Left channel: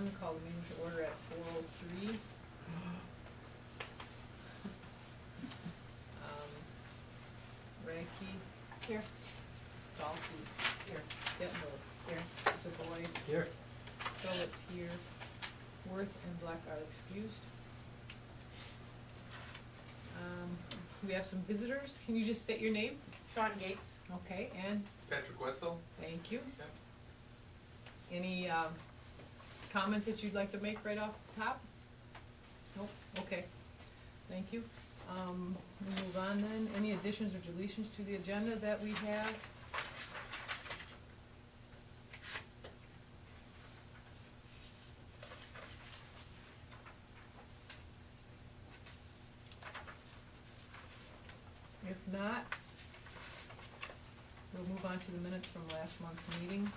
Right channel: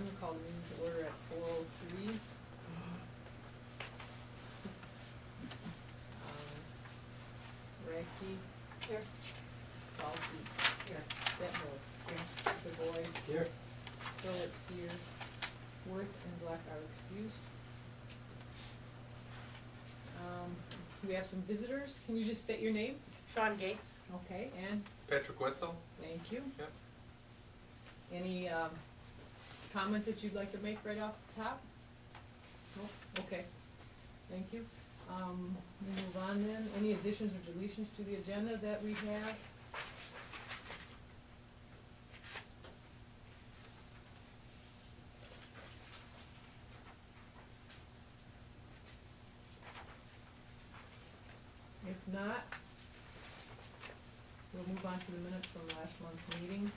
I'm gonna call the meeting to order at 4:03. Radke. Here. Dalkey. Here. Detmer. Here. Savoy. Here. Phillips here. Worth and Black are excused. We have some visitors. Can you just state your name? Sean Gates. Okay, and Patrick Wetzel. thank you. Yep. Any comments that you'd like to make right off the top? Nope, okay, thank you. We move on then. Any additions or deletions to the agenda that we have? If not, we'll move on to the minutes from last month's meeting.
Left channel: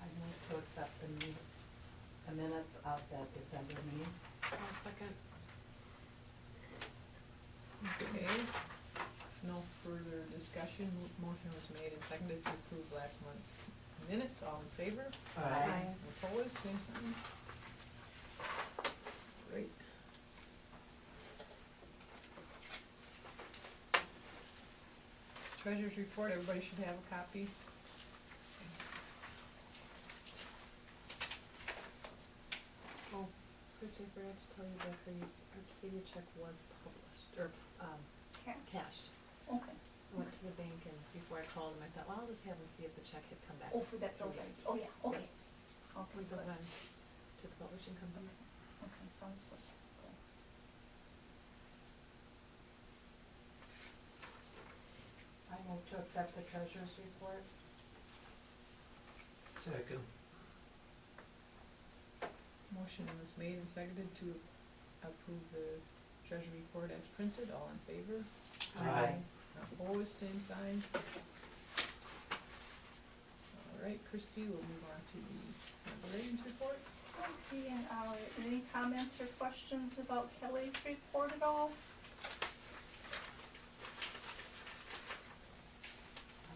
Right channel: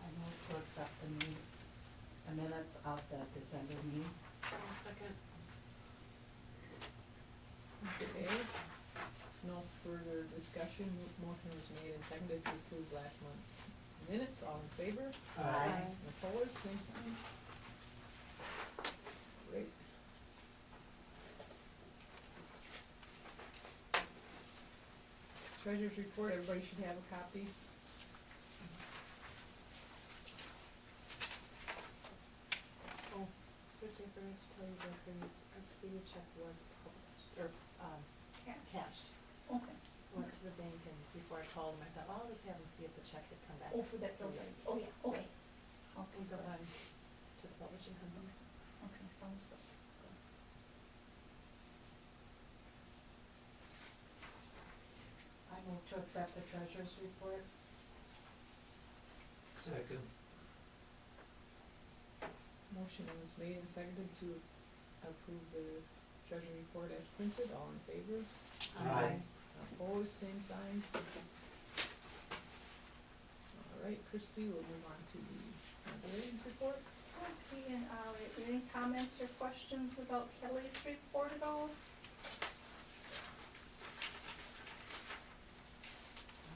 I move to accept the minutes of that December meeting. Second. Okay, no further discussion. Motion was made and seconded to approve last month's minutes. All in favor? Aye. Opposed, same sign. Great. Treasurer's report, everybody should have a copy. Oh, Chrissy, I forgot to tell you that Arcadia check was published, or, cashed. Okay. I went to the bank and before I called them, I thought, well, I'll just have them see if the check had come back. Oh, for that building. Oh, yeah, okay. Okay, Went good. on to the publishing company. Okay, sounds good. Good. I move to accept the treasurer's report. Second. Motion was made and seconded to approve the treasury report as printed. All in favor? Aye. Opposed, same sign. All right, Christie, we'll move on to the librarian's report. Okay, and any comments or questions about Kelly's report at all?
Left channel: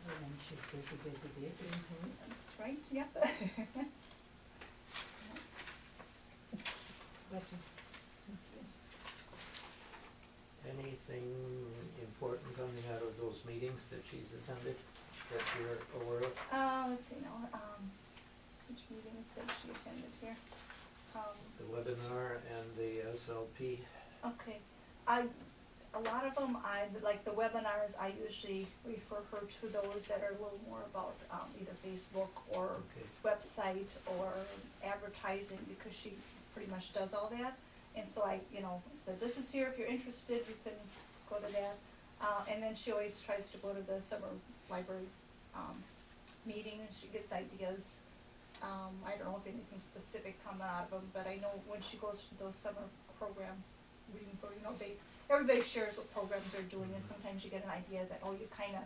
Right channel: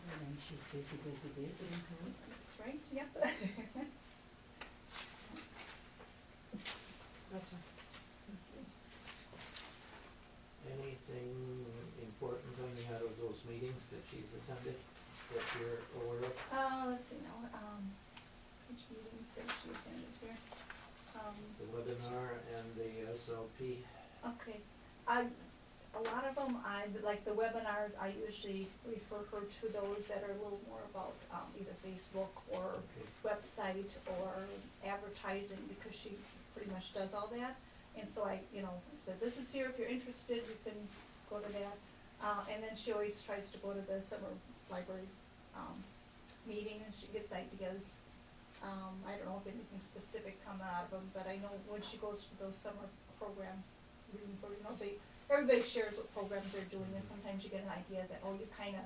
Other than she's busy, busy, busy. That's right, yep. Bless you. Anything important coming out of those meetings that she's attended that you're aware of? Let's see now, which meetings did she attended here? The webinar and the SLP? Okay, a lot of them, like the webinars, I usually refer her to those that are a little more about, either Facebook or Okay. website or advertising, because she pretty much does all that. And so I, said, this is here, if you're interested, you can go to that. And then she always tries to go to the summer library, meeting, and she gets ideas. I don't know if anything specific come out of them, but I know when she goes to those summer program reading for, everybody shares what programs they're doing, and sometimes you get an idea that, you kind of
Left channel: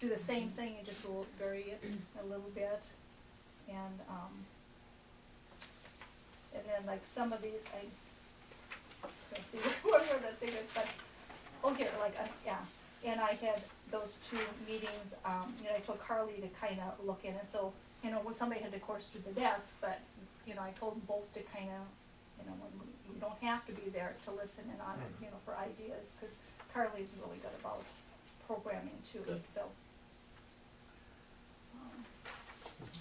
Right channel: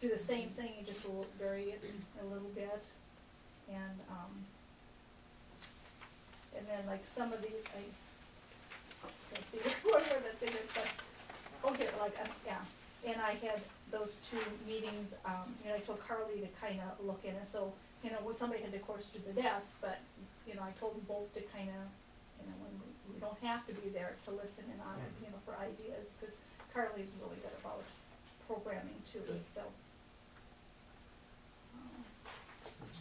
do the same thing, you just will vary it a little bit. And then like some of these, I don't see where the thing is, but, here, and I had those two meetings, I told Carly to kind of look in, and so, somebody had to course through the desk, but, I told them both to kind of, when we don't have to be there to listen in on it, for ideas, because Carly's really good about programming too, Good. so.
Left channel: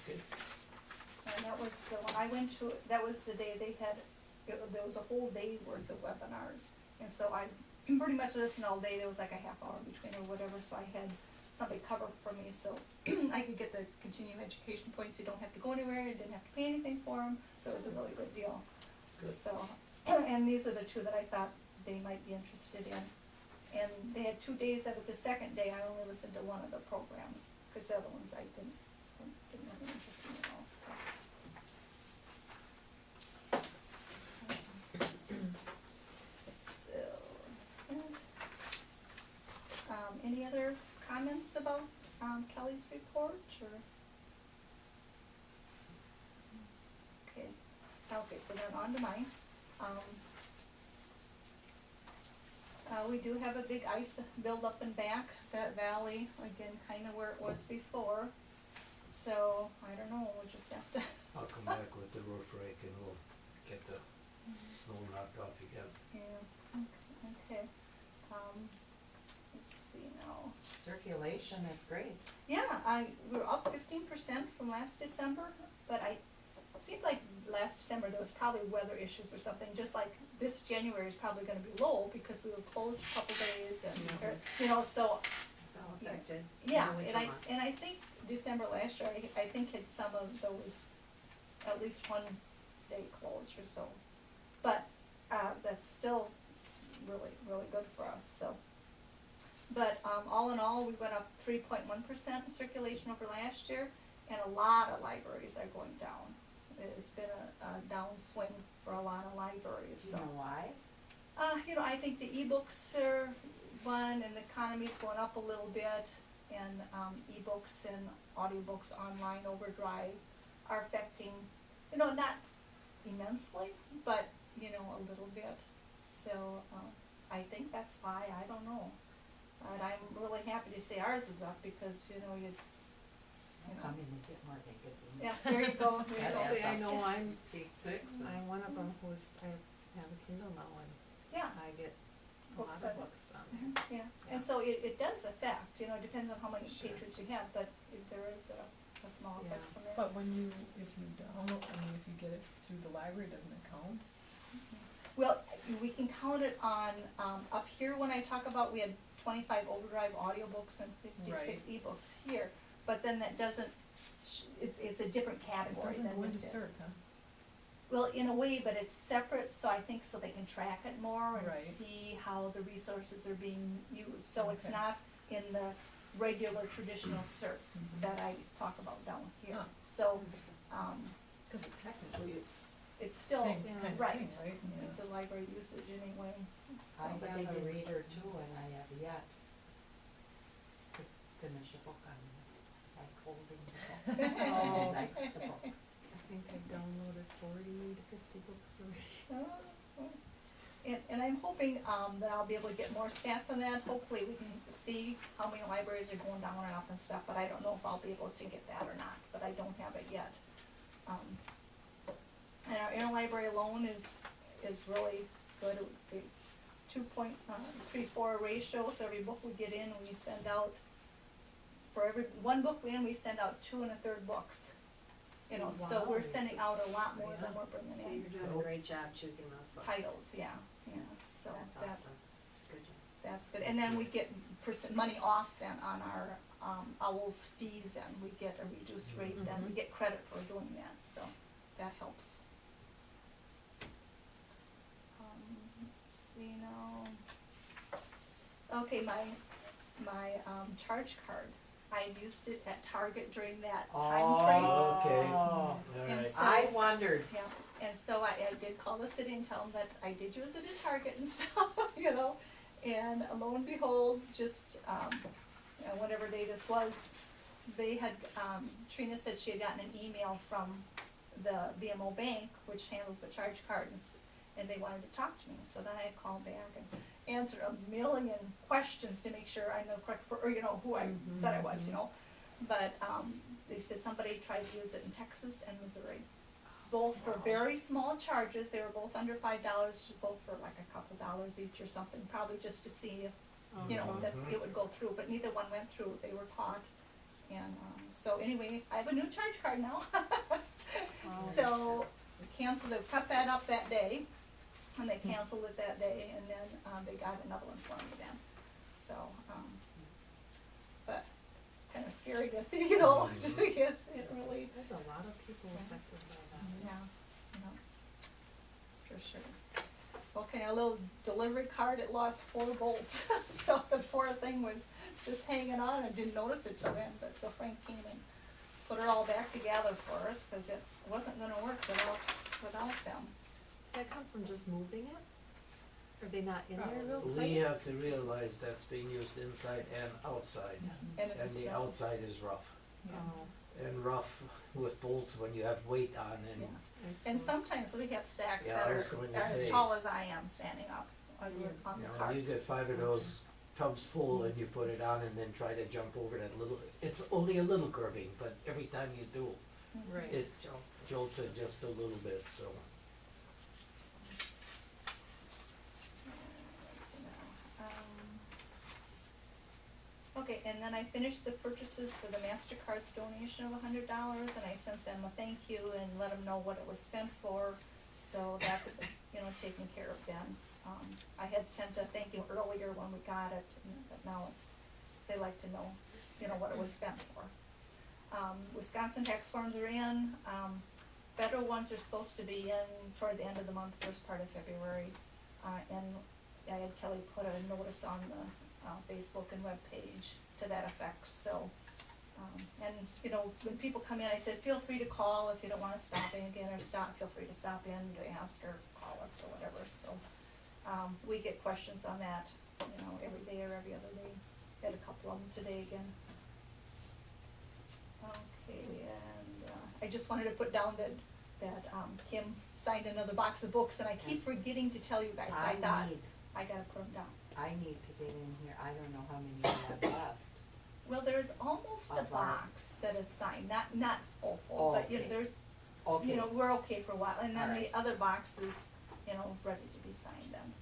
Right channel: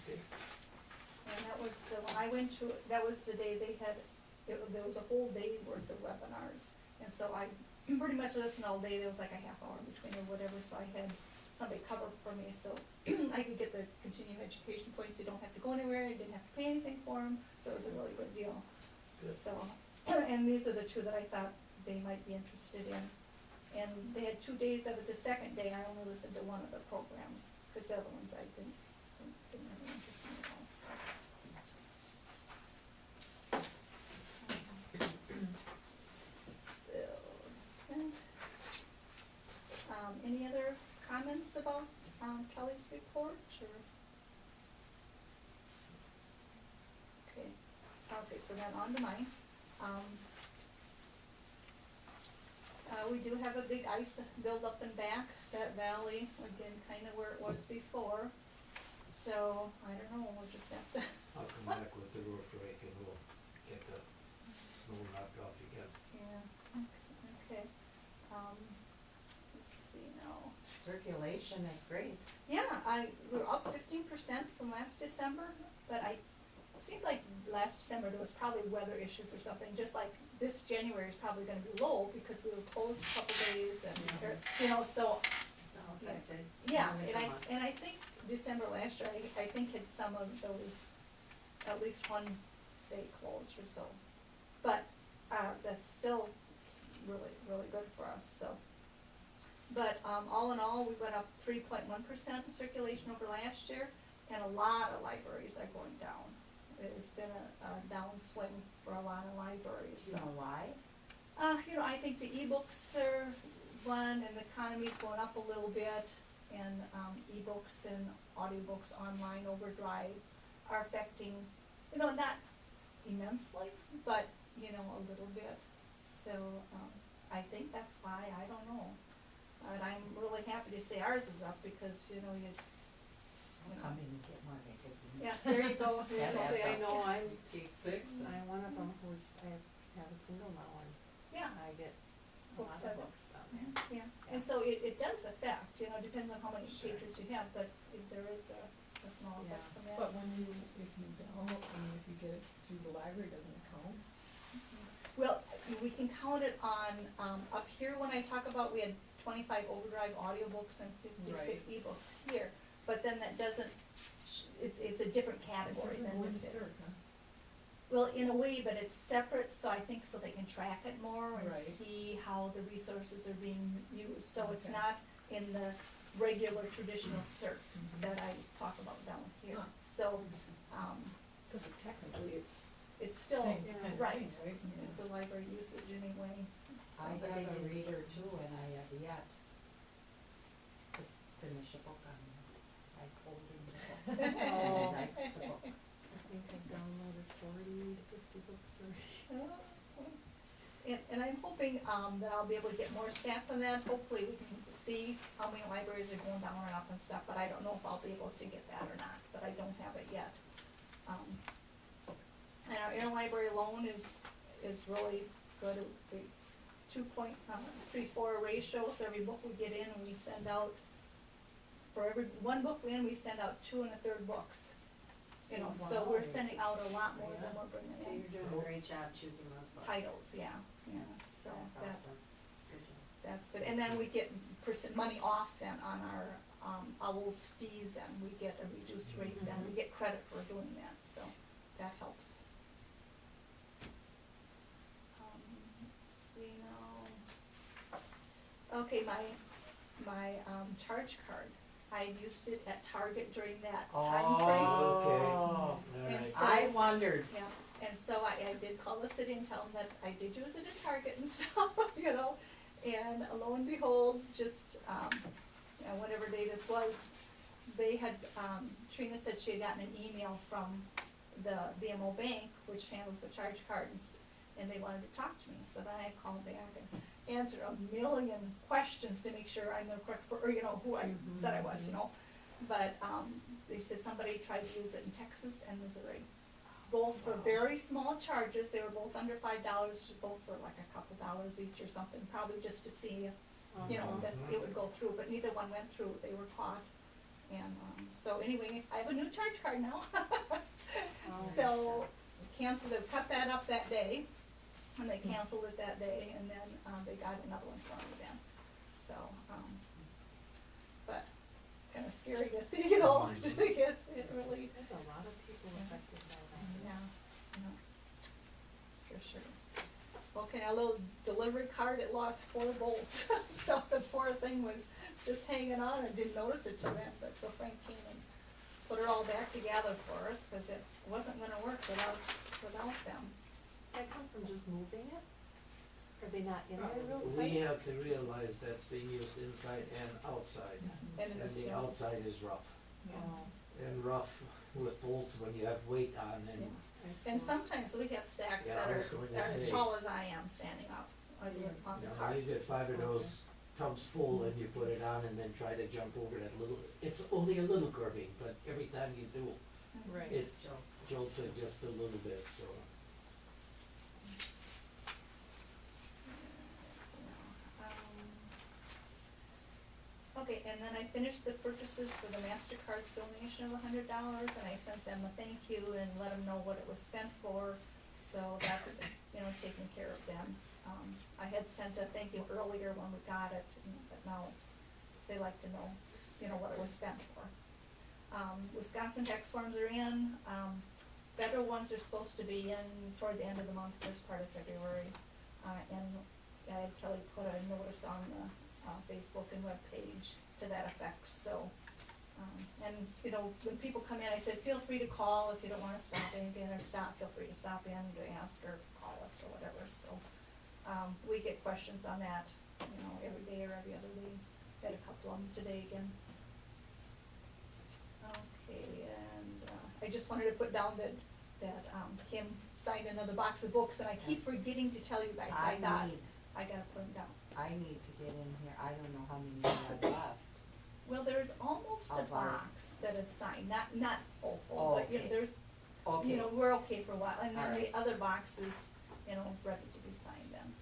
Okay. And that was the one, I went to, that was the day they had, there was a whole day worth of webinars. And so I pretty much listened all day, there was like a half hour in between or whatever, so I had somebody cover for me, so I could get the continuing education points, you don't have to go anywhere, you didn't have to pay anything for them, so it was a really good deal. Good. So, and these are the two that I thought they might be interested in. And they had 2 days of it. The second day, I only listened to one of the programs, because the other ones I didn't have any interest in at all, so. Any other comments about Kelly's report, or? Okay, so then on to mine. we do have a big ice buildup and back, that valley, again, kinda where it was before. So, I don't know, we'll just have to, I'll come back with the roof rake and we'll get the snow knocked off again. yeah, okay. Let's see now. Circulation is great. Yeah, we're up 15% from last December, but it seemed like last December there was probably weather issues or something, just like this January is probably gonna be low because we were closed a couple days and, so, It's all affected. yeah, Really and come up. I think December last year, I think had some of those, at least one day closed or so. But, that's still really, really good for us, so. But, all in all, we went up 3.1% in circulation over last year, and a lot of libraries are going down. It's been a downswing for a lot of libraries, Do you know why? I think the ebooks are one, and the economy's going up a little bit, and ebooks and audiobooks online overdrive are affecting, not immensely, but, a little bit. So, I think that's why, I don't know. But I'm really happy to say ours is up because, Come in and get more magazines. yeah, there you go, there you That go. adds Say, I up. know I'm Page six, I'm one of them I have a Kindle now and Yeah. I get a lot Books of on it. books on there. Yeah, and so it does affect, depends on how many Sure. pages you have, but there is a small effect Yeah. from that. But if you download, if you get it through the library, doesn't it count? Well, we can count it on, up here when I talk about, we had 25 overdrive audiobooks and 56 Right. ebooks here, but then that doesn't, it's a different category Doesn't than go into this is. CERC, huh? Well, in a way, but it's separate, so I think so they can track it more and Right. see how the resources are being used. So it's Okay. not in the regular traditional CERT Mhm. that I talk about down here. Huh. So, Because technically it's still, same yeah, kind of right. thing, right? It's a library usage anyway. I So- have a reader too, and I have yet to finish a book on like holding the book. I didn't like the book. I think I've downloaded 40 to 50 books already. And I'm hoping that I'll be able to get more stats on that. Hopefully we can see how many libraries are going down and up and stuff, but I don't know if I'll be able to get that or not, but I don't have it yet. And our interlibrary loan is really good. The 2.34 ratio, so every book we get in, we send out, for every one book we send out 2 1/3 books. So we're sending out a lot more than we're bringing So in. you're doing a great job choosing those books. Titles, yeah, so That's awesome. Good job. that's good. And then we get money off then on our OWL's fees, and we get a reduced rate, then we get credit for doing that, so that helps. Let's see now. Okay, my charge card, I used it at Target during that time frame. Okay, Oh. all And right. so- I wondered. Yeah, and so I did call the city and tell them that I did use it at Target and stuff, and lo and behold, just, whatever day this was, they had, Trina said she had gotten an email from the BMO bank, which handles the charge cards, and they wanted to talk to me, so then I called back and answered a million questions to make sure I know correct, who I said I was, But, they said somebody tried to use it in Texas and Missouri, both for very small charges. They were both under $5, both for like a couple dollars each or something, probably just to see if, that it would go through, but neither one went through. They were caught. And, so anyway, I have a new charge card now. So, canceled it, cut that up that day, and they canceled it that day, and then, they got another one for me then. So, but kind of scary to, it really, There's a lot of people Yeah. affected by yeah, that. that's for sure. Okay, a little delivery cart, it lost 4 bolts, so the poor thing was just hanging on. I didn't notice it till then, but so Frank came and put it all back together for us, because it wasn't gonna work without them. Does that come from just moving it? Are they not in there real tight? We have to realize that's being used inside and outside, And and the outside is rough. Oh, And rough with bolts when you have weight on Yeah. and, I And suppose. sometimes we have stacks Yeah, that I are was going to as say. tall as I am standing up on You the know, cart. you get 5 of those tubs full and you put it on and then try to jump over that little, it's only a little curving, but every time you do, Mhm. Right. it jolts it just a little bit, so. Okay, and then I finished the purchases for the MasterCard's donation of $100, and I sent them a thank you and let them know what it was spent for, so that's, taking care of them. I had sent a thank you earlier when we got it, but now they like to know, what it was spent for. Wisconsin tax forms are in, federal ones are supposed to be in toward the end of the month, first part of February, and I had Kelly put a notice on the Facebook and web page to that effect, so, when people come in, I said, feel free to call if you don't wanna stop in again, or feel free to stop in to ask or call us or whatever, so, we get questions on that, every day or every other day, had a couple of them today again. Okay, and, I just wanted to put down that Kim signed another box of books, and I keep forgetting to tell you guys, so I thought, I gotta put them down. I need to get in here, I don't know how many you have left. Well, there's almost a Of our- box that is signed, not full, but, Okay. there's, Okay. we're okay for a while, and then All the right. other box is, ready to be signed then.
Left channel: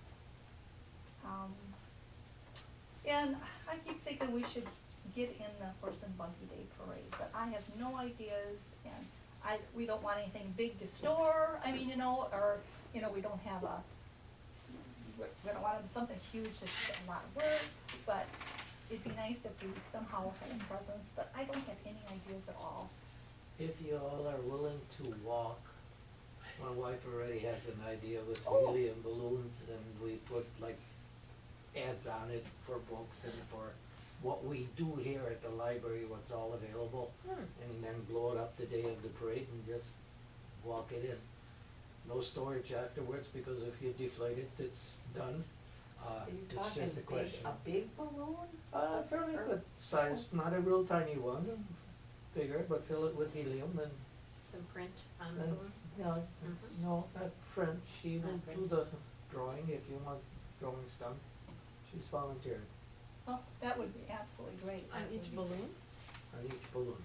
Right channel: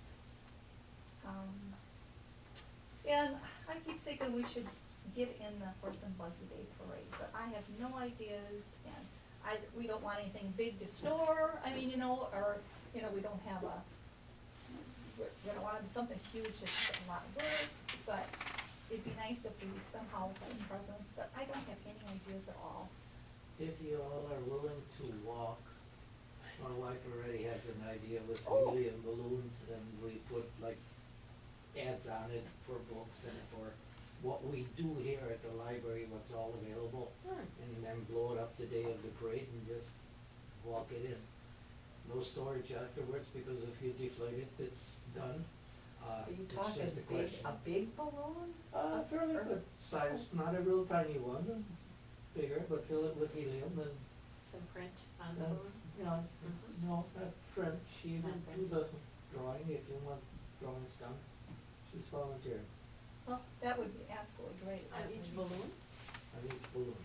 And I keep thinking we should get in the Horse and Buggy Day Parade, but I have no ideas, and we don't want anything big to store, or, we don't have we don't want something huge, it's a lot of work, but it'd be nice if we somehow had presents, but I don't have any ideas at all. If you all are willing to walk, my wife already has an idea with Oh. helium balloons, and we put like ads on it for books and for what we do here at the library, what's all available, and then blow it up the day of the parade and just walk it in. No storage afterwards, because if you deflate it, it's done. Are you It's talking just a question. a big balloon? Fairly good size, not a real tiny one, bigger, but fill it with helium and, Some print on the and, balloon? yeah, Mhm. no, not French, she will Not do French. the drawing if you want drawings done. She's volunteered Well, that would be absolutely great. On each balloon? on each balloon.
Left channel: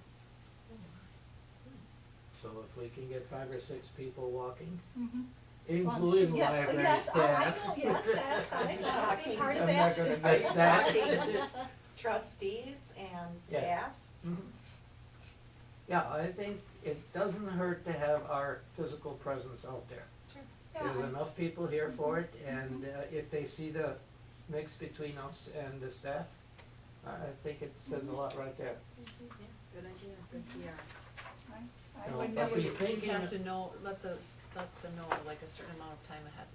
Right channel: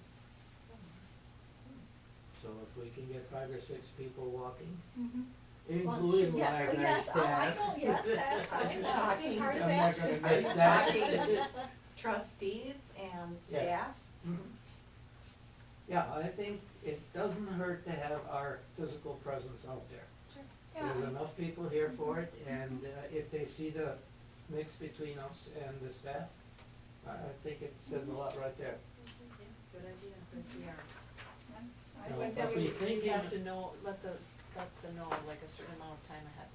So if we can get 5 or 6 people walking, Mhm. including Yes, library yes, staff. oh, I know, yes, that's, I want to be part of I'm that. not gonna Are miss you that. talking trustees and Yes. staff? Mhm. Yeah, I think it doesn't hurt to have our physical presence out there. Yeah, There's I- enough people here for it, and if they see the mix between us and the staff, I think it says a lot right there. Good idea, good PR. I No, would but never- we think You have in- to know, let them know like a certain amount of time ahead.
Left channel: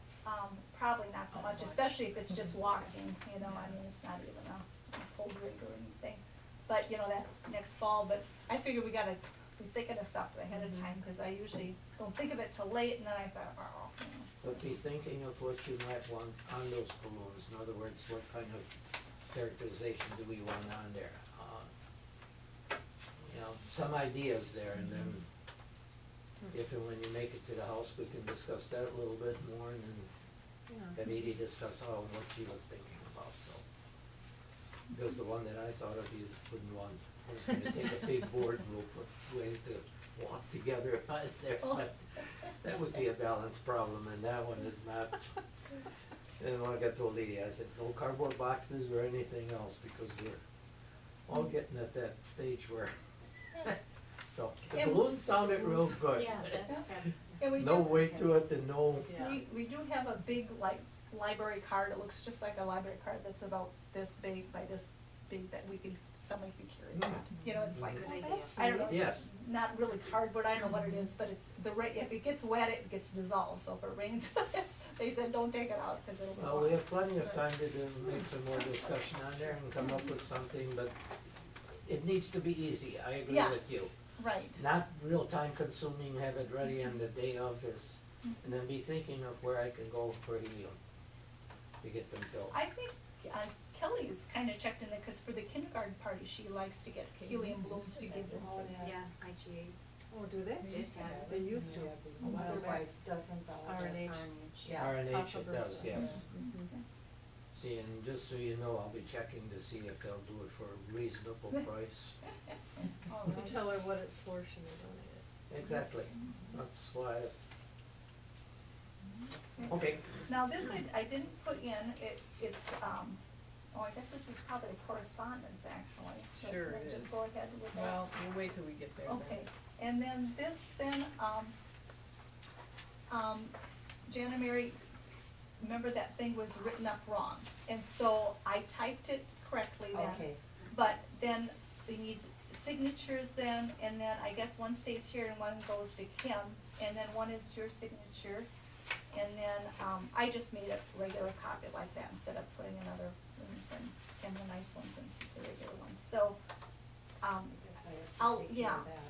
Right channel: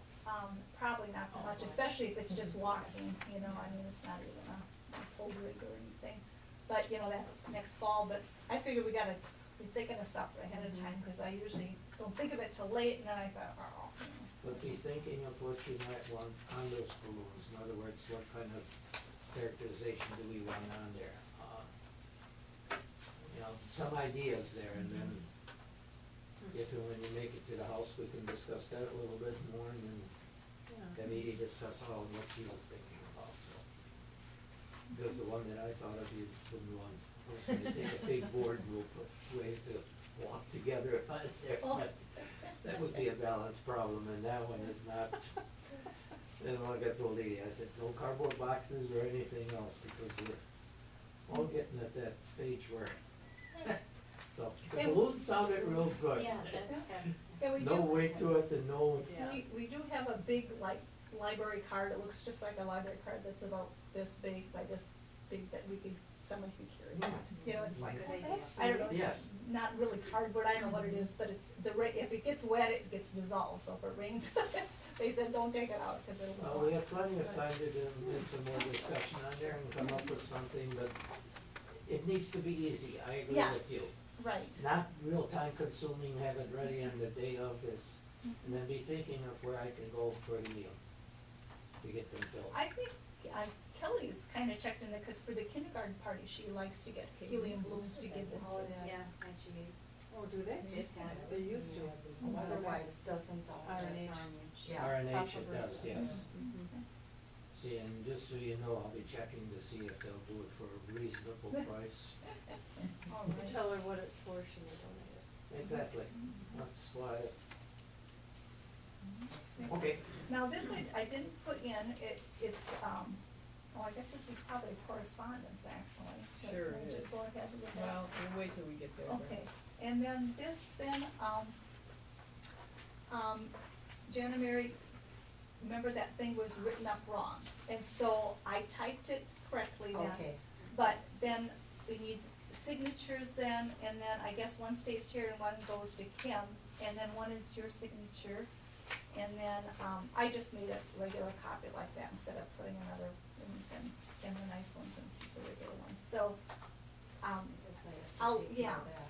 Probably not so Oh, much, much. especially if it's just walking, it's not even a pulled rig or anything. But, that's next fall, but I figured we gotta be thinking of stuff ahead of time, cause I usually don't think of it till late, and then I thought, But be thinking of what you might want on those balloons. In other words, what kind of characterization do we want on there? Some ideas there, and then if and when you make it to the house, we can discuss that a little bit more, and then have Edie discuss what she was thinking about, so. Because the one that I thought of, you wouldn't want, I was gonna take a big board and we'll put ways to walk together on there, but that would be a balance problem, and that one is not. And like I told Edie, I said, no cardboard boxes or anything else, because we're all getting at that stage where, so, the And- balloon sounded real good. Yeah, that's good. And we No do- weight to it and no, Yeah. We do have a big, library card, it looks just like a library card that's about this big by this big, that somebody could carry that. It's like, Good idea. I don't know, it's Yes. not really cardboard, I don't know what it is, but it's, if it gets wet, it gets dissolved, so if it rains, they said, don't take it out, cause it'll go well, we off. have plenty of time to make some more discussion on there and come up with something, but it needs to be easy, I agree Yes. with you. Right. Not real time consuming, have it ready on the day of this, and then be thinking of where I can go for helium to get them filled. I think Kelly's kinda checked in there, cause for the kindergarten party, she likes to get helium balloons to give them. Yeah, IGA. Oh, do they? They used to have it. They used to. Otherwise, doesn't RNH. Yeah. RNH it does, yes. Mhm. See, and just so you know, I'll be checking to see if they'll do it for a reasonable price. All If you right. tell her what it's for, she may donate it. Exactly, that's why, Okay. okay. Now, this I didn't put in, it's, I guess this is probably correspondence, actually. But Sure can I it just is. go ahead with that? Well, we'll wait till we get there. Okay, and then this, Jan and Mary, remember that thing was written up wrong, and so I typed it correctly then. Okay. But then we need signatures then, and then I guess one stays here and one goes to Kim, and then one is your signature. And then, I just made a regular copy like that instead of putting another things in, and the nice ones and the regular ones, so, Guess I have to I'll- take care of yeah. that.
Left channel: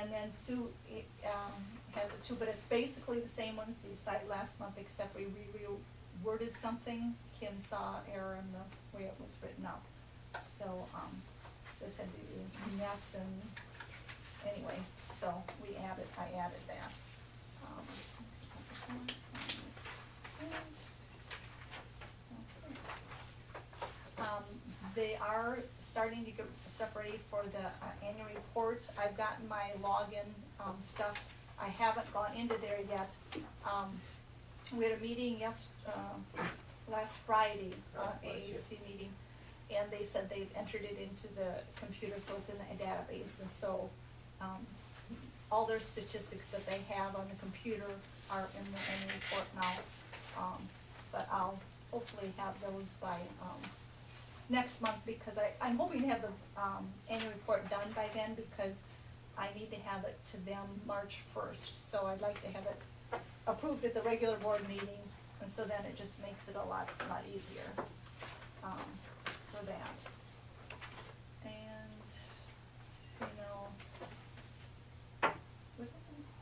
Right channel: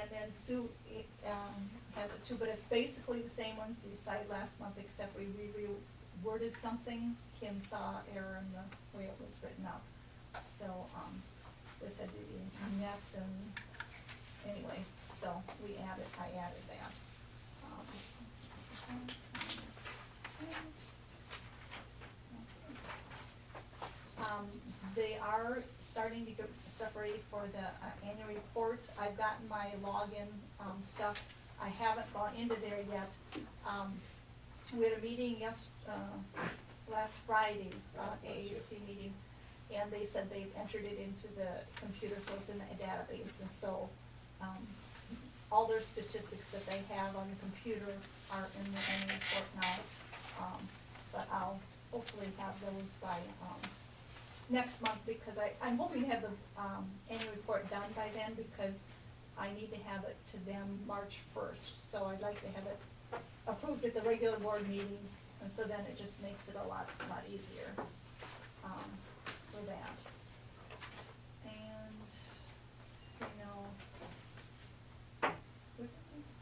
and then Sue, has it too, but it's basically the same ones you cited last month, except we reworded something. Kim saw error in the way it was written up, so, this had to be met and, anyway, so I added that. They are starting to get stuff ready for the annual report. I've gotten my login stuff. I haven't gone into there yet. We had a meeting last Friday, AAC meeting, and they said they've entered it into the computer, so it's in the database, and so, all their statistics that they have on the computer are in the annual report now. But I'll hopefully have those by, next month, because I'm hoping to have the, annual report done by then, because I need to have it to them March 1st. So I'd like to have it approved at the regular board meeting, and so then it just makes it a lot easier, for that. And, is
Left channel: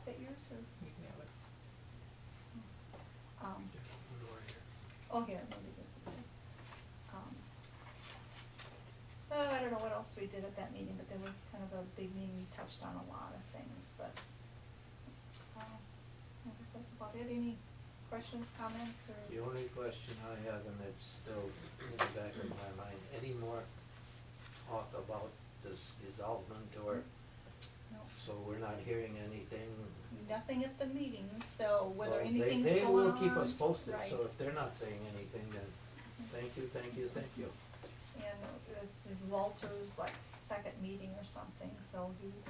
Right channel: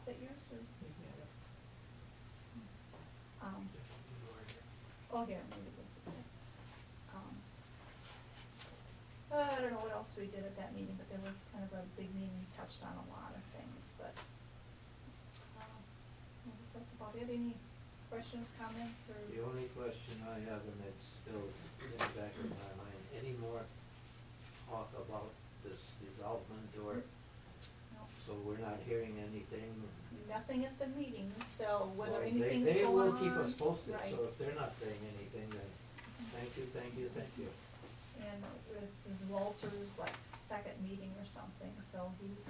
that yours, or? You can have it. Oh, here, maybe this is it. I don't know what else we did at that meeting, but there was kind of a big meeting, we touched on a lot of things, but, I guess that's about it. Any questions, comments, or? The only question I have, and it's still in the back of my mind, any more talk about this dissolvement, or, No, so we're not hearing anything? nothing at the meeting, so whether Well, anything's They going on. will keep us posted, Right. so if they're not saying anything, then thank you, thank you, thank you. And this is Walter's, like, second meeting or something, so he's,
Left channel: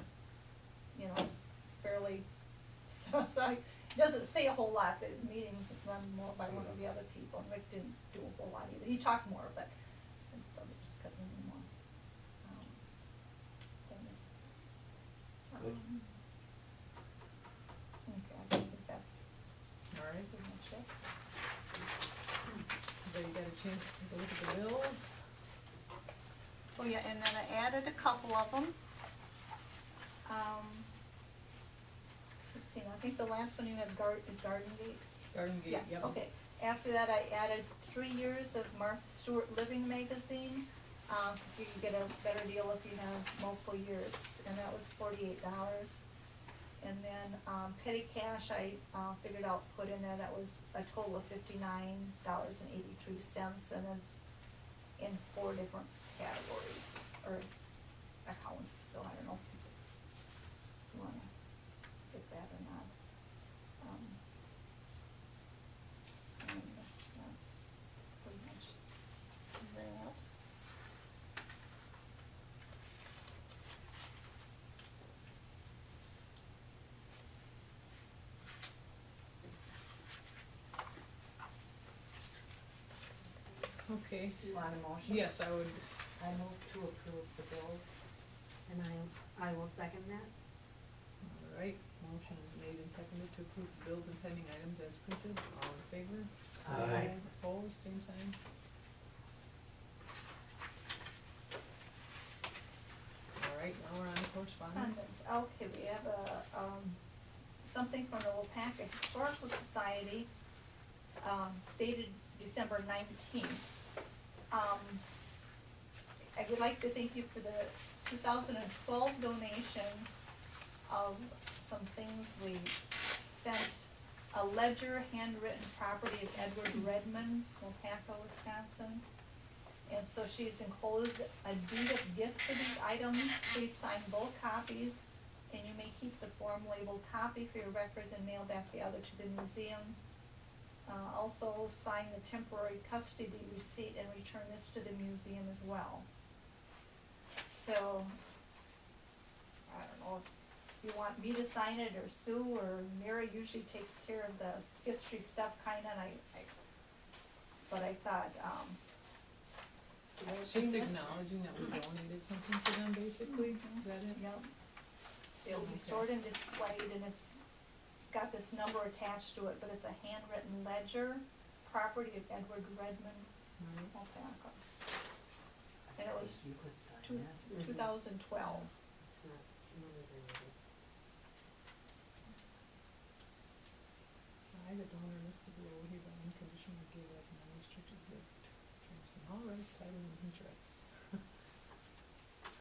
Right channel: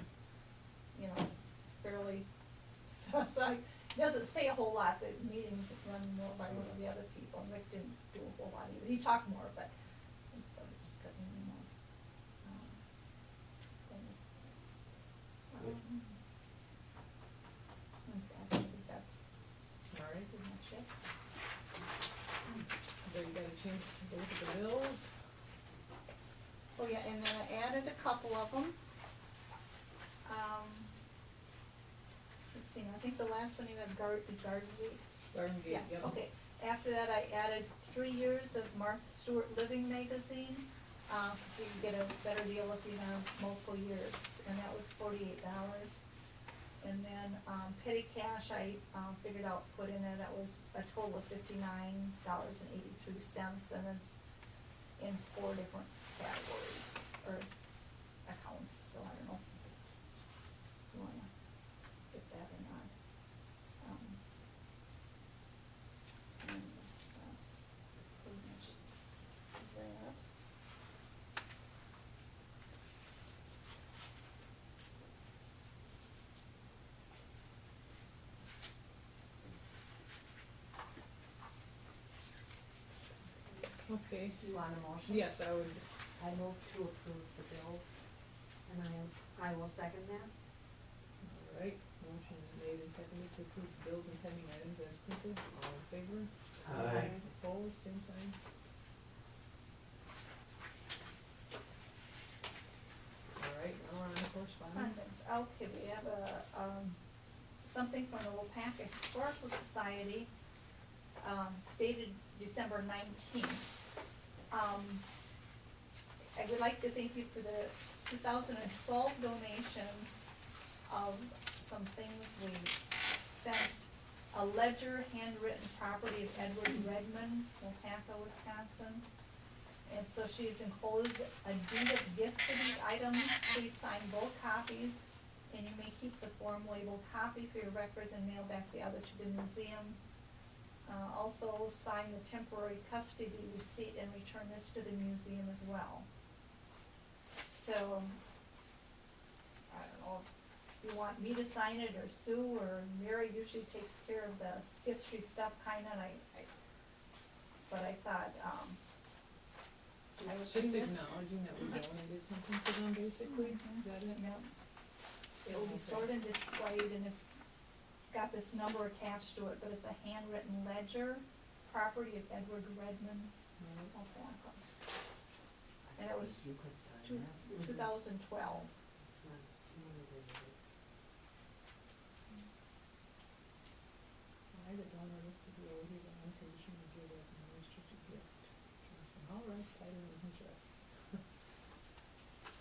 fairly, so he doesn't say a whole lot. The meetings run more by one of the other people, and Rick didn't do a whole lot either. He talked more, but it's probably just because he knew more, things. Good. Okay, I think that's All right, pretty much it. everybody got a chance to take a look at the bills? Oh, yeah, and then I added a couple of them. Let's see, now, I think the last one you have is Garden Gate. Garden Gate, yep. Okay, after that, I added 3 years of Martha Stewart Living magazine, so you can get a better deal if you have multiple years, and that was $48. And then, petty cash, I, figured out, put in there, that was a total of $59.83, and it's in 4 different categories, or accounts, so I don't know if you wanna get that or not. And that's pretty much that. Okay, Do you want a motion? yes, I would, I move to approve the bills. And I will second that. all right, motion is made and seconded to approve the bills and pending items as printed, all in favor? Aye. Opposed, same sign? All right, now we're on to correspondence. Okay, we have something from the Weyauwega Historical Society, stated December 19th. I would like to thank you for the 2012 donation of some things. We sent a ledger, handwritten property of Edward Redmond, Weyauwega, Wisconsin. And so she's enclosed a deed of gift for these items. Please sign both copies, and you may keep the form labeled copy for your records and mail back the other to the museum. Also sign the temporary custody receipt and return this to the museum as well. So, I don't know if you want me to sign it or Sue, or Mary usually takes care of the history stuff kinda, and but I thought, It's just acknowledging that we donated something to them, basically, is that it? Yep. It'll be Okay. stored and displayed, and it's got this number attached to it, but it's a handwritten ledger, property of Edward Redmond, Right. Weyauwega. And it was You could sign two- that. 2012. It's not motivated. I, the donor listed below, hereby unconditionally gave as an unrestricted gift, transferring all rights, title, and interests.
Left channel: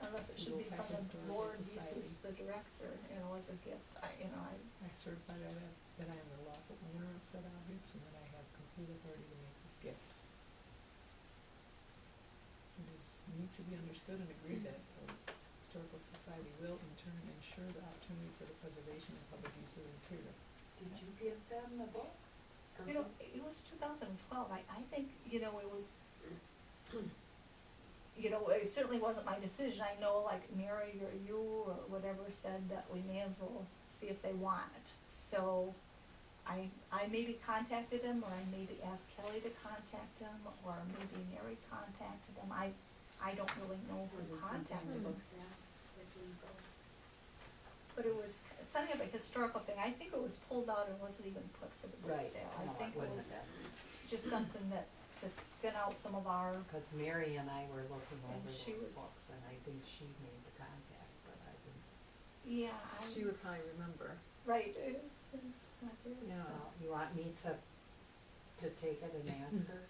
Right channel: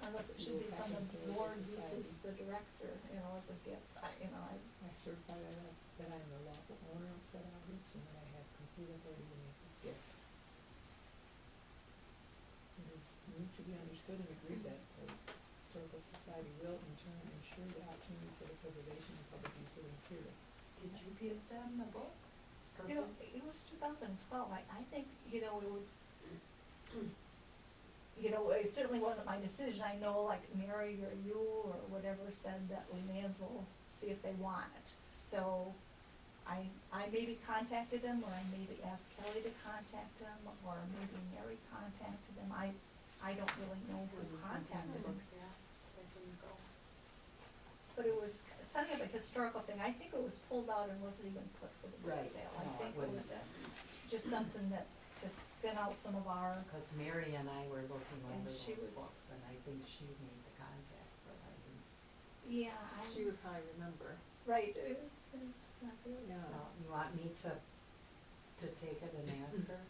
Unless it You should will be from pass the it to the Lord society. uses the director, as a gift. I I certify that I am the lawful owner of said objects and that I have complete authority to make this gift. It is mutually understood and agreed that the Historical Society will in turn ensure the opportunity for the preservation and public use of the material. Did you give them the book? Or it was 2012. I think, it was, it certainly wasn't my decision. I know, like, Mary or you or whatever said that we may as well see if they want it. So I maybe contacted them, or I maybe asked Kelly to contact them, or maybe Mary contacted them. I don't really know who contacted them. books now? Where can you go? But it's something of a historical thing. I think it was pulled out and wasn't even put for the book Right. sale. No, I think it it was wasn't. just something that, to get out some of our, Cause Mary and I were looking And over she those was- books, and I think she made the contact, but I didn't. yeah, She would probably remember. right. It's not there. Yeah. You want me to take it and ask her?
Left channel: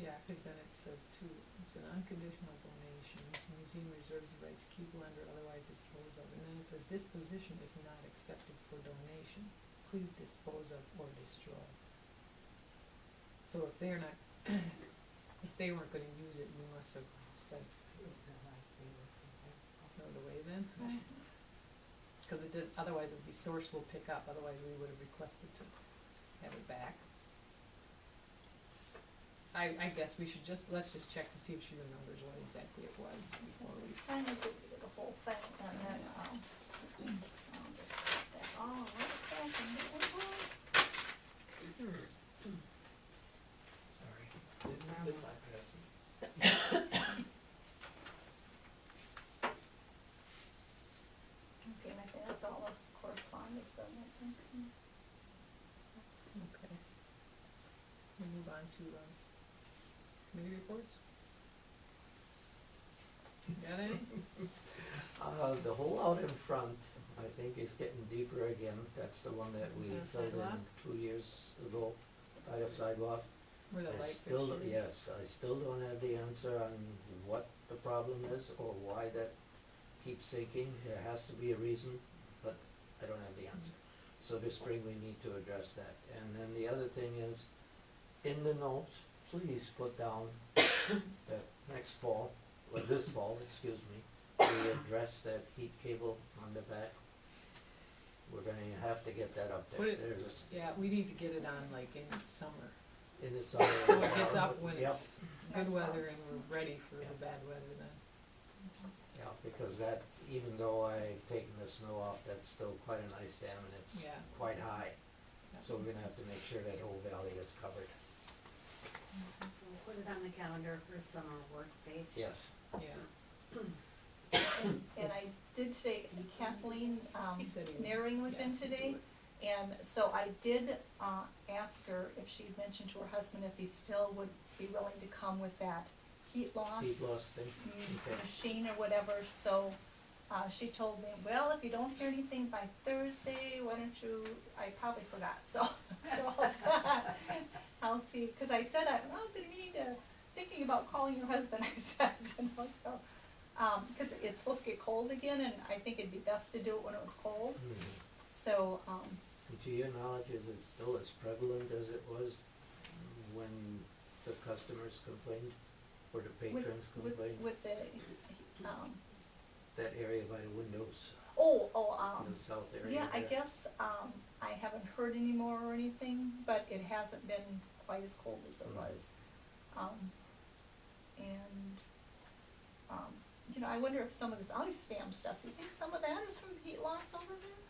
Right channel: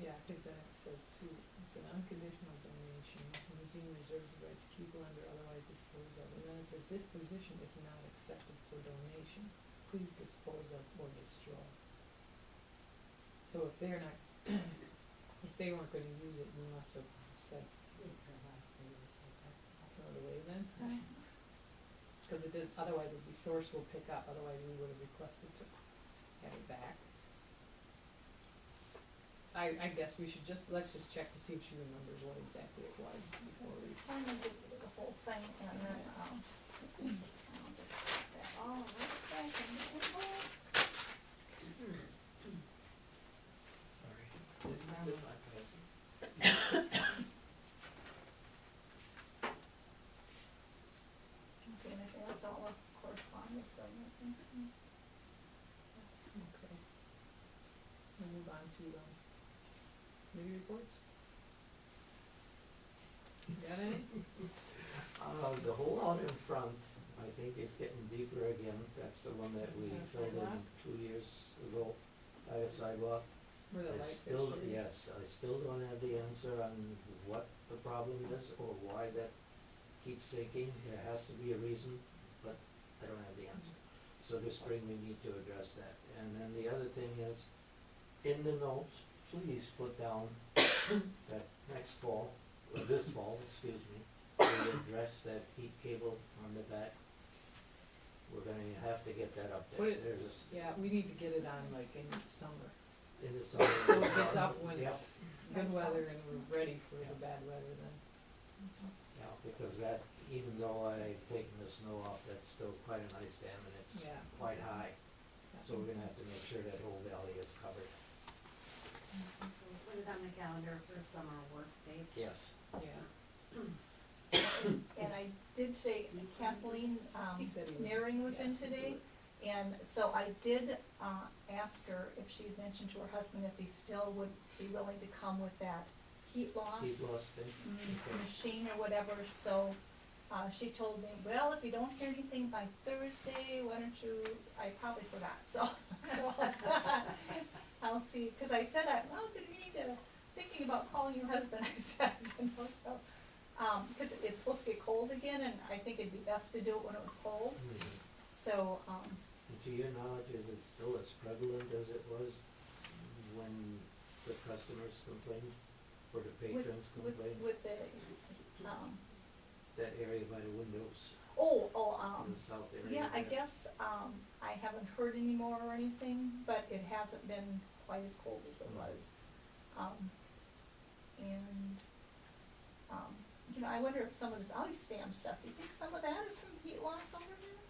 Yeah, because then it says too, it's an unconditional donation, the museum reserves the right to keep, lend, or otherwise dispose of, and then it says disposition if not accepted for donation, please dispose of or destroy. So if they're not, if they weren't gonna use it, you must have said, Didn't realize they were so bad. throw it away then? Mhm. Cause it did, otherwise it would be source will pick up, otherwise we would have requested to have it back. I guess we should let's just check to see if she remembers what exactly it was before we. Kind of give you the whole thing, and then, I'll just put that all right back in the envelope. Sorry. Didn't get my present. Okay, and I think that's all the correspondence, so, Okay. We'll move on to, committee reports. Got any? The hole out in front, I think is getting deeper again. That's the one that we The filled in sidewalk? 2 years ago by a sidewalk. Where the I light still, fixture is? yes, I still don't have the answer on what the problem is or why that keeps sinking. There has to be a reason, but I don't have the answer. So this spring we need to address that. And then the other thing is, in the notes, please put down that next fall, or this fall, excuse me, we address that heat cable on the back. We're gonna have to get that up there. Put it- There's Yeah, we need to get it on like in summer, in the summer. so it gets up when Yep. it's good weather and we're ready for the bad weather then. Yeah, because that, even though I've taken the snow off, that's still quite a nice dam and it's Yeah. quite high. Yeah. So we're gonna have to make sure that whole valley is covered. We'll put it on the calendar for summer work date. Yes. Yeah. and I did say Kathleen, He said he would Naring was in ask me to today. do it. And so I did, ask her if she'd mentioned to her husband if he still would be willing to come with that heat loss. Heat loss thing. Okay. Machine or whatever, so, she told me, well, if you don't hear anything by Thursday, why don't you, I probably forgot, so I'll see, cause I said, I'm gonna need to, thinking about calling your husband, I said, so, because it's supposed to get cold again, and I think it'd be best to do it when it was cold. So, And to your knowledge, is it still as prevalent as it was when the customers complained, or the patrons complained? with the, That area by the windows, the south area? yeah, I there? guess, I haven't heard any more or anything, but it hasn't been quite as cold as it was. And, I wonder if some of this ice dam stuff, you think some of that is from the heat loss over there?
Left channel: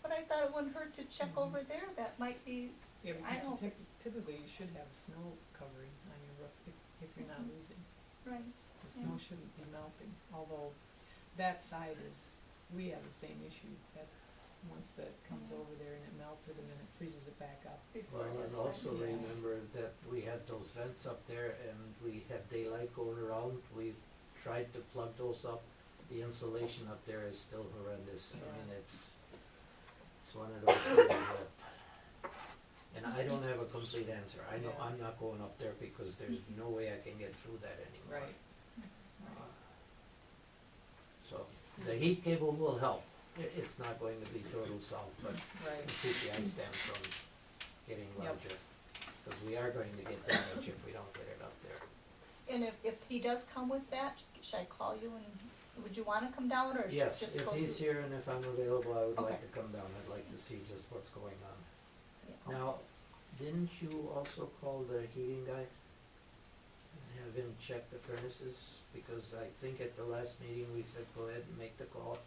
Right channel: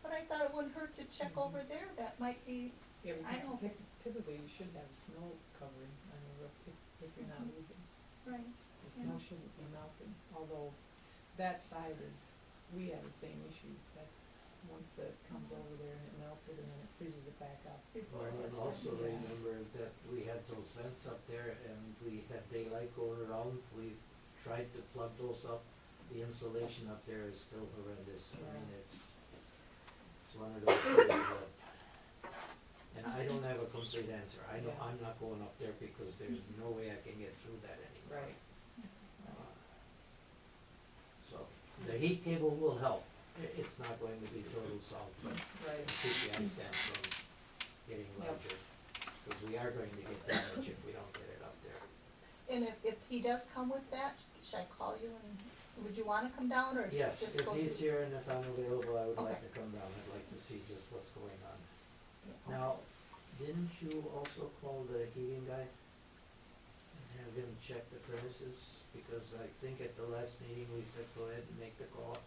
But I thought it wouldn't hurt to check over there, that might be, Yeah, I because don't think typically you should have snow covering on your roof if you're not losing. right, The snow shouldn't be melting, although that side is, we have the same issue. That's, once that comes over there and it melts it and then it freezes it back up. before Well, it and was also Yeah. remember that we had those vents up there and we had daylight going around. We tried to plug those up. The insulation up there is still horrendous. I mean, it's one of those things that, and I don't have a complete answer. I know Yeah. I'm not going up there because there's no way I can get through that anymore. Right. So, the heat cable will help. It's not going to be total solve, but Right. keep the ice dam from getting Yep. larger. Because we are going to get damage if we don't get it up there. And if he does come with that, should I call you and, would you wanna come down or should Yes, just if go? he's through- here and if I'm available, I would like Okay. to come down. I'd like to see just what's going on. Yeah. Now, didn't you also call the heating guy? And have him check the furnaces? Because I think at the last meeting, we said go ahead and make the call.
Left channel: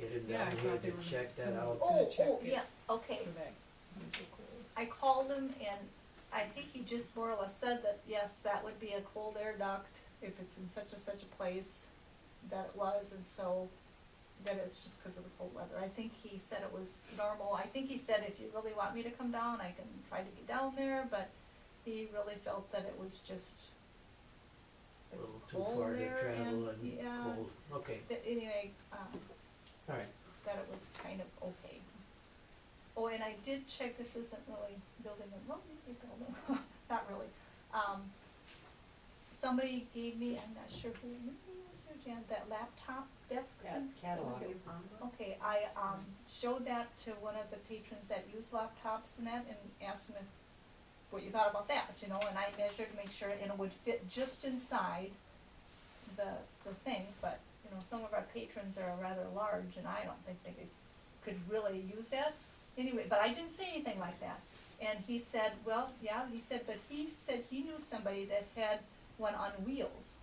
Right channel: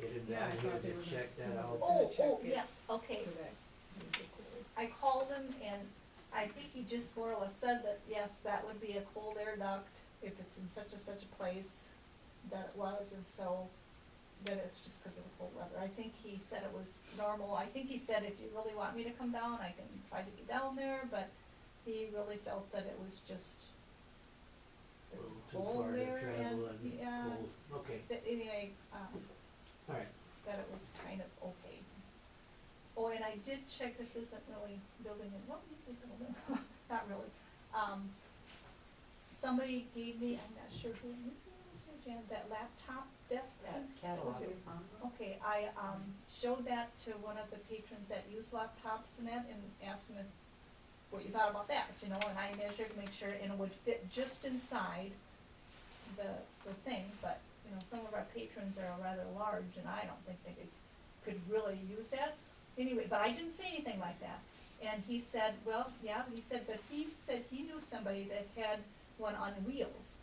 Get him Yeah, I down here thought they to were check that someone out. was gonna check it Yeah, okay. For that, it's so cold. I called him and I think he just more or less said that, yes, that would be a cold air duct if it's in such a place that it was, and so that it's just because of the cold weather. I think he said it was normal. I think he said if you really want me to come down, I can try to get down there, but he really felt that it was just A the little too cold far to there travel and, and yeah, cold. Okay, anyway, all right. that it was kind of okay. Oh, and I did check, this isn't really building a, well, it's a building, not really. Somebody gave me, I'm not sure who, maybe it was your Jan, that laptop desk thing? Catalog. That was you. Okay, I, showed that to one of the patrons that use laptops and that, and asked them what you thought about that, and I measured to make sure, and it would fit just inside the thing, but, some of our patrons are rather large, and I don't think they could really use that. Anyway, but I didn't say anything like that. And he said, well, yeah, but he said he knew somebody that had one on wheels.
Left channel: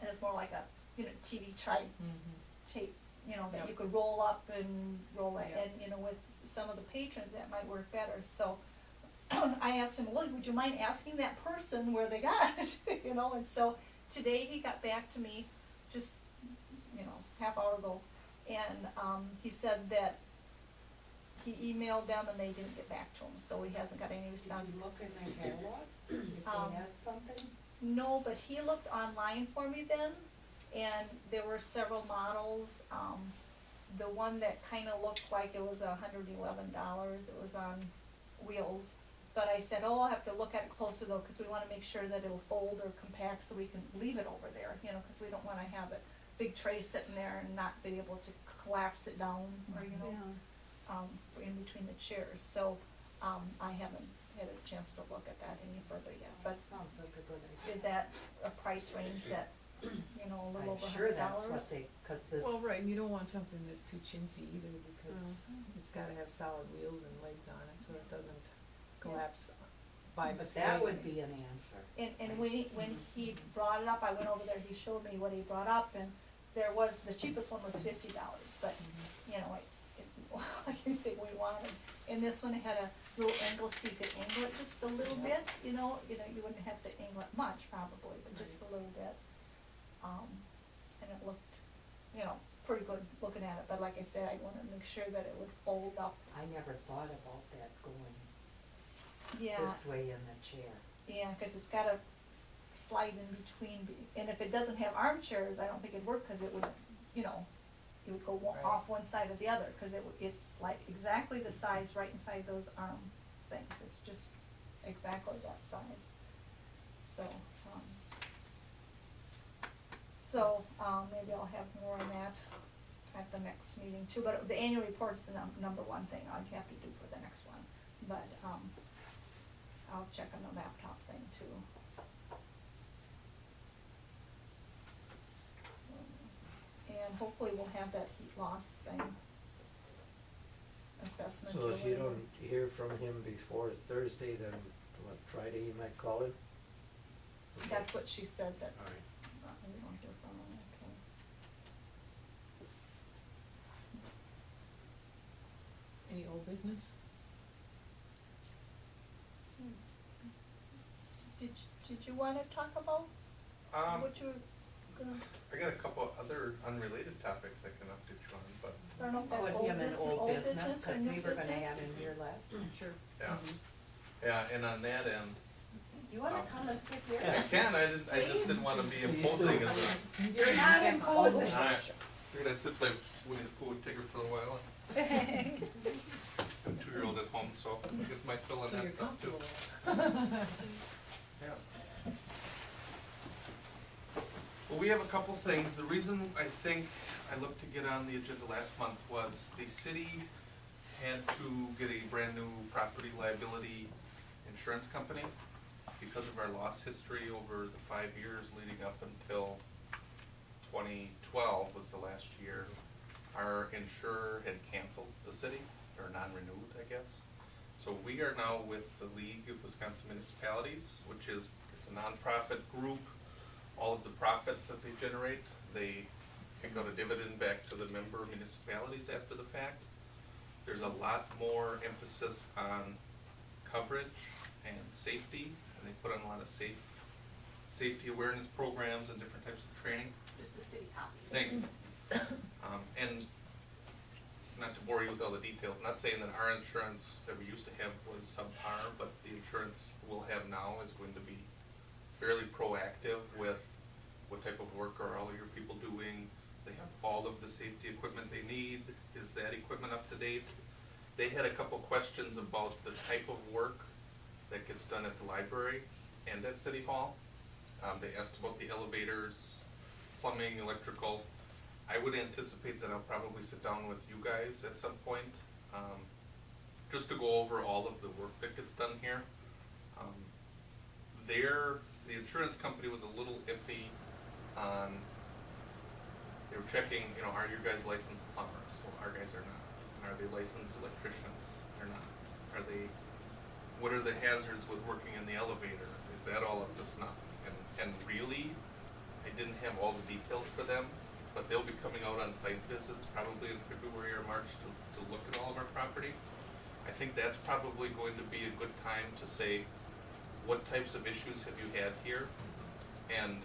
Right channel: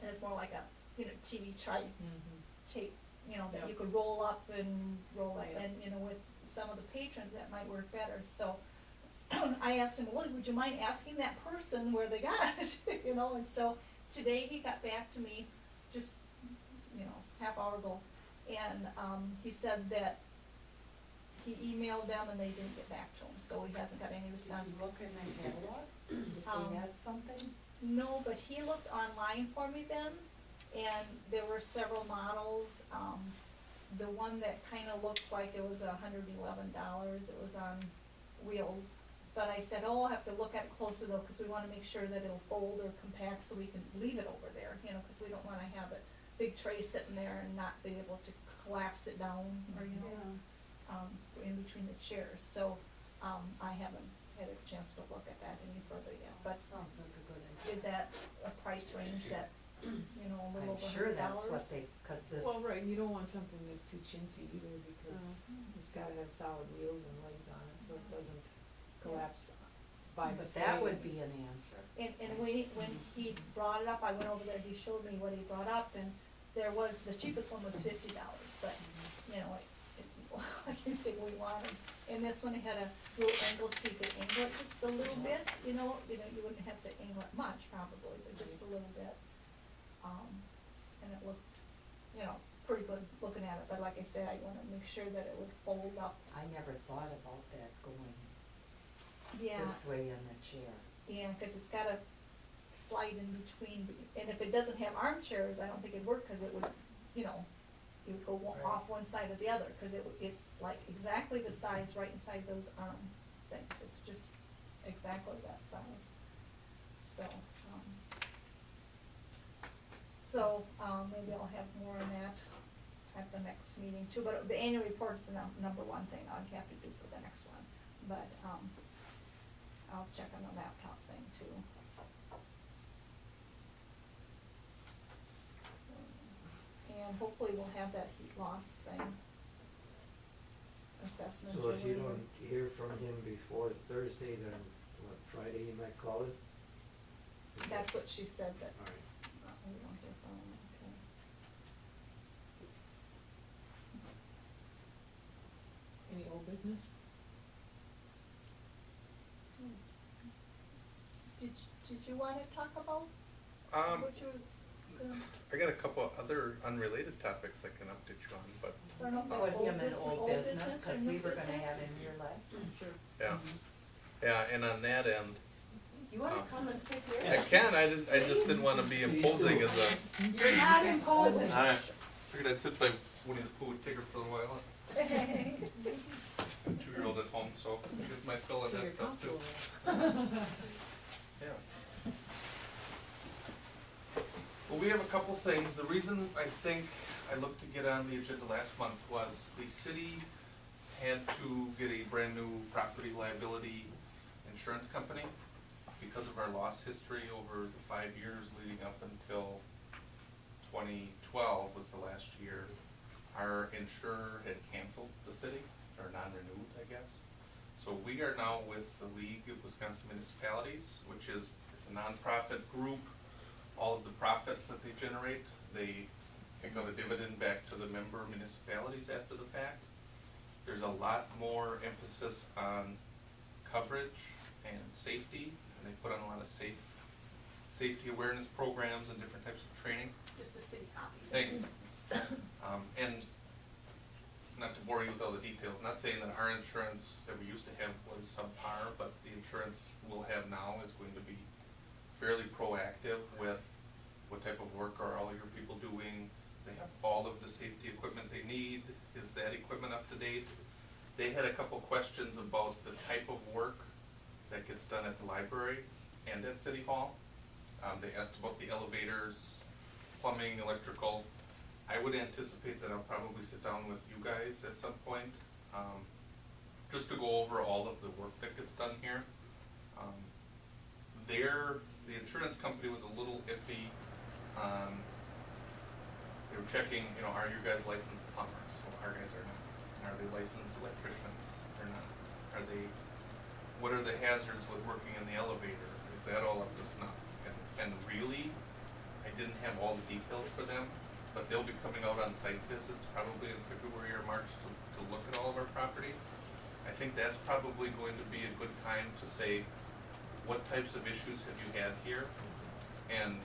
And it's more like a, TV type, tape, that Yep. you could roll up and roll that. Yep. And, with some of the patrons, that might work better. So I asked him, well, would you mind asking that person where they got it? And so today he got back to me just, half hour ago. And he said that he emailed them and they didn't get back to him, so he hasn't got any response. Did you look in the catalog, if they had something? No, but he looked online for me then, and there were several models. The one that kinda looked like it was $111, it was on wheels. But I said, I'll have to look at it closer though, cause we wanna make sure that it'll fold or compact so we can leave it over there, cause we don't wanna have it, big tray sitting there and not be able to collapse it down, or, in between the chairs. So, I haven't had a chance to look at that any further yet, but Sounds like a good idea. is that a price range that, a little I'm over sure $100? that's what they, cause this. Well, right, you don't want something that's too chintzy either because it's gotta have solid wheels and legs on it so it doesn't collapse by But mistake. that would be an answer. And when he brought it up, I went over there, he showed me what he brought up, and there was, the cheapest one was $50, but, anything we wanted. And this one had a little angle so you could angle it just a little bit, you wouldn't have to angle it much probably, but just a little bit. And it looked, pretty good looking at it, but like I said, I wanted to make sure that it would fold up. I never thought about that going Yeah, this way in the chair. yeah, cause it's gotta slide in between, and if it doesn't have armchairs, I don't think it'd work, cause it would, it would go Right. off one side or the other, cause it's like exactly the size right inside those things, it's just exactly that size. So, maybe I'll have more on that at the next meeting too, but the annual report is the number one thing I'd have to do for the next one. But, I'll check on the laptop thing too. And hopefully we'll have that heat loss thing assessment. So or if you whatever. don't hear from him before Thursday, then what, Friday you might call him? That's what she said, that All right. we don't hear from her, okay. Any old business? Did you wanna talk about what you were gonna, I got a couple of other unrelated topics I can update you on, but, I don't know if Put that's him in old business, or cause new we were gonna business? add in here last time. Sure. yeah. Mhm. Yeah, and on that end, You wanna come and sit here? I can, I just didn't wanna be Please imposing do. as a, You're not imposing. I figured I'd sit by Winnie the Pooh and Tigger for a while. A 2-year-old at home, so get my fill of So that you're stuff too. comfortable. Yeah. Well, we have a couple things. The reason I think I looked to get on the agenda last month was the city had to get a brand new property liability insurance company because of our loss history over the 5 years leading up until 2012 was the last year. Our insurer had canceled the city, or non-renewed, I guess. So we are now with the League of Wisconsin Municipalities, which is, it's a nonprofit group. All of the profits that they generate, they kick out a dividend back to the member municipalities after the fact. There's a lot more emphasis on coverage and safety, and they put on a lot of safety awareness programs and different types of training. Just the city copies. Thanks. And not to bore you with all the details, not saying that our insurance that we used to have was subpar, but the insurance we'll have now is going to be fairly proactive with what type of work are all your people doing. They have all of the safety equipment they need. Is that equipment up to date? They had a couple questions about the type of work that gets done at the library and at City Hall. They asked about the elevators, plumbing, electrical. I would anticipate that I'll probably sit down with you guys at some point, just to go over all of the work that gets done here. The insurance company was a little iffy on, they were checking, are your guys licensed plumbers? Well, our guys are not. And are they licensed electricians? They're not. What are the hazards with working in the elevator? Is that all up to snuff? And really, I didn't have all the details for them, but they'll be coming out on site visits probably in February or March to look at all of our property. I think that's probably going to be a good time to say, what types of issues have you had here? And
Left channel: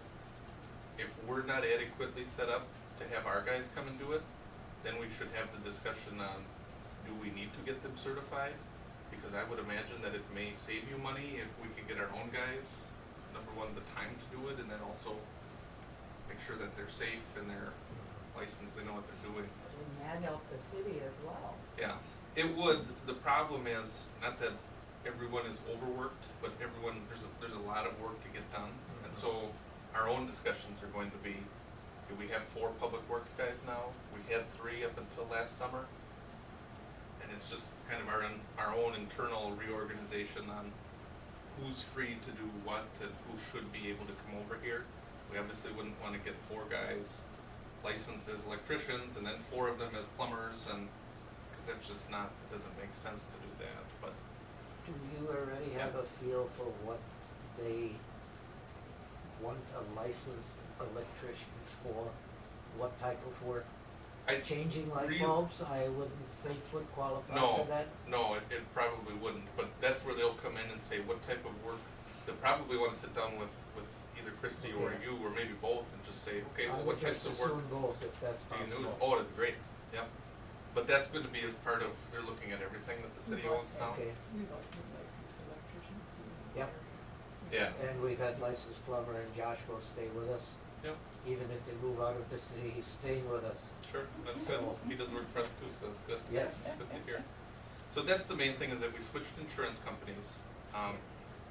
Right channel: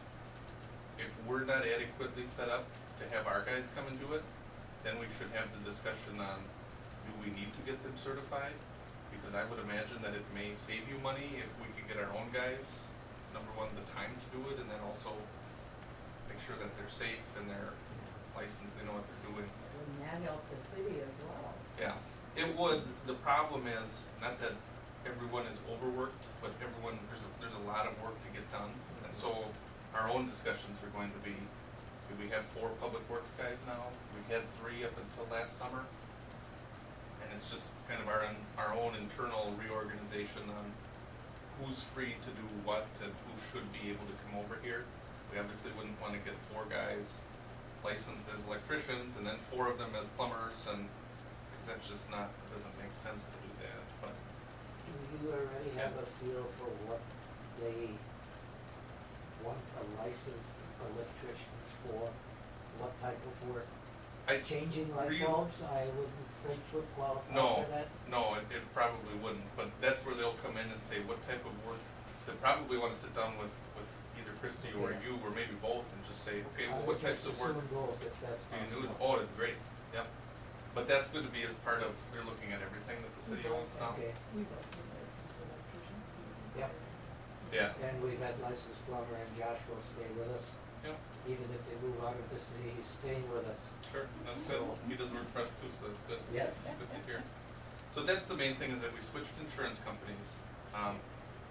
if we're not adequately set up to have our guys come and do it, then we should have the discussion on, do we need to get them certified? Because I would imagine that it may save you money if we could get our own guys, number one, the time to do it, and then also make sure that they're safe and they're licensed, they know what they're doing. Wouldn't that help the city as well? Yeah, it would. The problem is, not that everyone is overworked, but everyone, there's a lot of work to get done. And so our own discussions are going to be, do we have 4 public works guys now? We had 3 up until last summer. And it's just kind of our own internal reorganization on who's free to do what and who should be able to come over here. We obviously wouldn't want to get 4 guys licensed as electricians and then 4 of them as plumbers, and because that's just not, it doesn't make sense to do that. But Do you already have a feel for what they want a licensed electrician for? What type of work? Changing light bulbs, I wouldn't think would qualify for that? No, it probably wouldn't. But that's where they'll come in and say what type of work. They'll probably want to sit down with either Christie or Okay. you, or maybe both, and just say, okay, I well, would what types just of work assume both if that's do you do? possible. Oh, it'd be great. Yeah. But that's going to be as part of, they're looking at everything that the city owns now. Okay, We've also had licensed electricians. yeah. Yeah. And we've had licensed plumber, and Josh will stay with us. Yep. Even if they move out of the city, he's staying with us. Sure, that's good. He does work for us too, so that's good. Yes. That's good to hear. So that's the main thing, is that we switched insurance companies.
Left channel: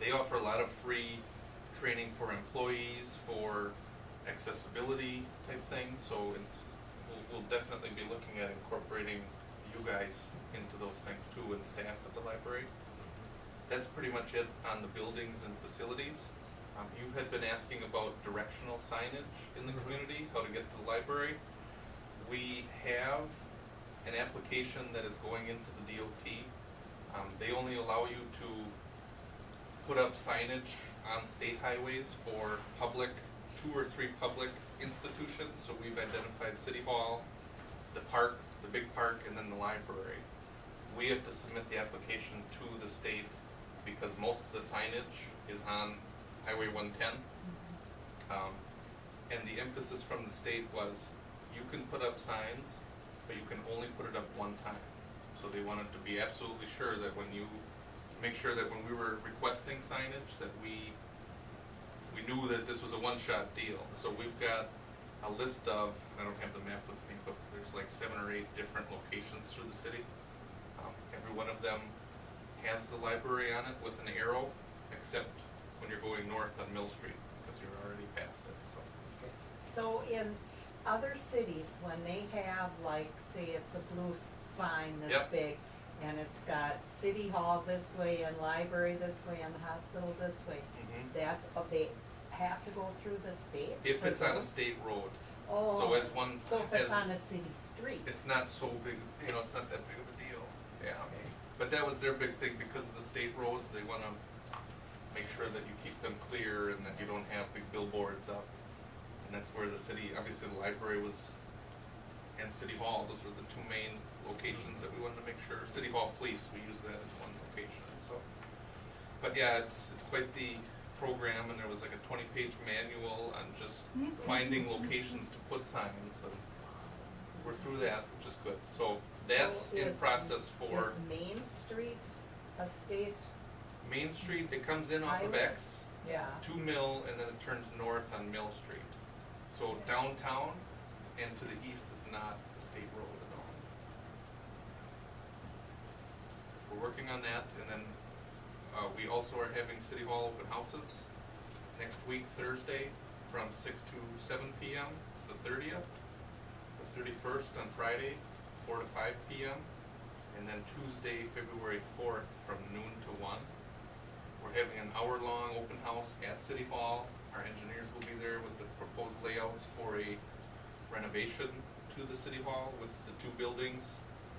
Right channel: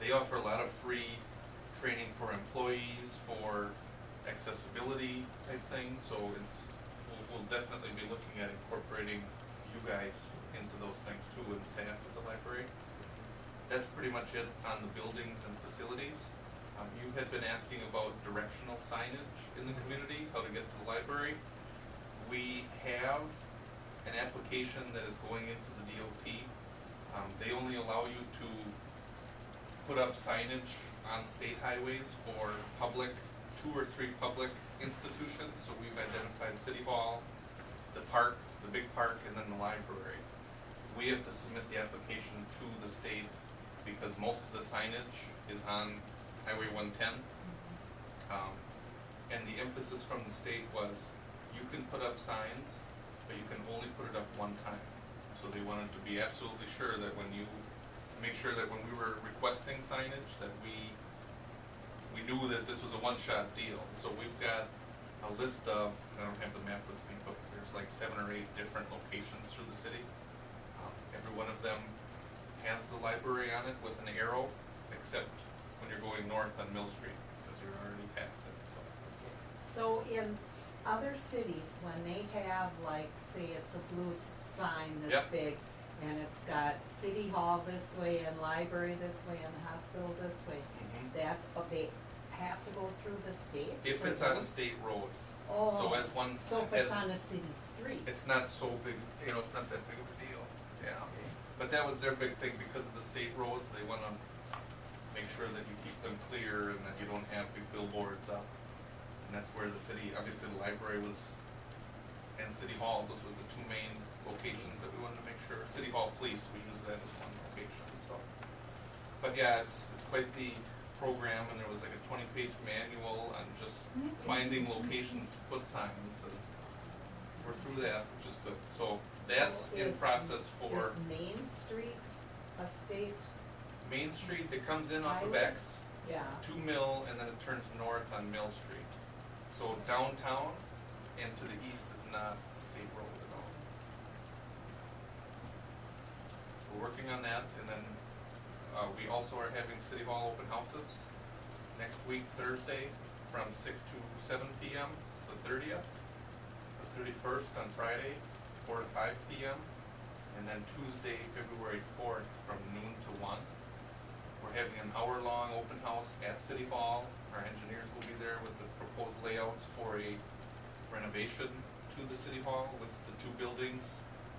They offer a lot of free training for employees, for accessibility type thing, so we'll definitely be looking at incorporating you guys into those things too, and staff at the library. That's pretty much it on the buildings and facilities. You had been asking about directional signage in the community, how to get to the library. We have an application that is going into the DOT. They only allow you to put up signage on state highways for public, 2 or 3 public institutions. So we've identified City Hall, the park, the big park, and then the library. We have to submit the application to the state because most of the signage is on Highway 110. And the emphasis from the state was you can put up signs, but you can only put it up one time. So they wanted to be absolutely sure that when we were requesting signage, that we knew that this was a one-shot deal. So we've got a list of, and I don't have the map with me, but there's like 7 or 8 different locations through the city. Every one of them has the library on it with an arrow, except when you're going north on Mill Street, because you're already past it. So in other cities, when they have, like, say it's a blue sign this Yep. big, and it's got City Hall this way, and library this way, and hospital this way, that's, they have to go through the state? If for it's on a those? state road. Oh, So as one, so if it's as- on a city street? It's not so big, it's not that big of a deal. Yeah. But that was their big thing because of the state roads. They want to make sure that you keep them clear and that you don't have big billboards up. And that's where the city, obviously the library was, and City Hall, those were the 2 main locations that we wanted to make sure. City Hall Police, we use that as one location. So, but yeah, it's quite the program, and there was like a 20-page manual on just finding locations to put signs. So we're through that, which is good. So that's So in is- process for Is Main Street a state? Main Street. It comes in off of Highway? X Yeah. to Mill, and then it turns north on Mill Street. So downtown and to the east is not a state road at all. We're working on that, and then we also are having City Hall open houses next week, Thursday, from 6 to 7 p.m. It's the 30th. The 31st on Friday, 4 to 5 p.m. And then Tuesday, February 4th, from noon to 1. We're having an hour-long open house at City Hall. Our engineers will be there with the proposed layouts for a renovation to the City Hall with the 2 buildings,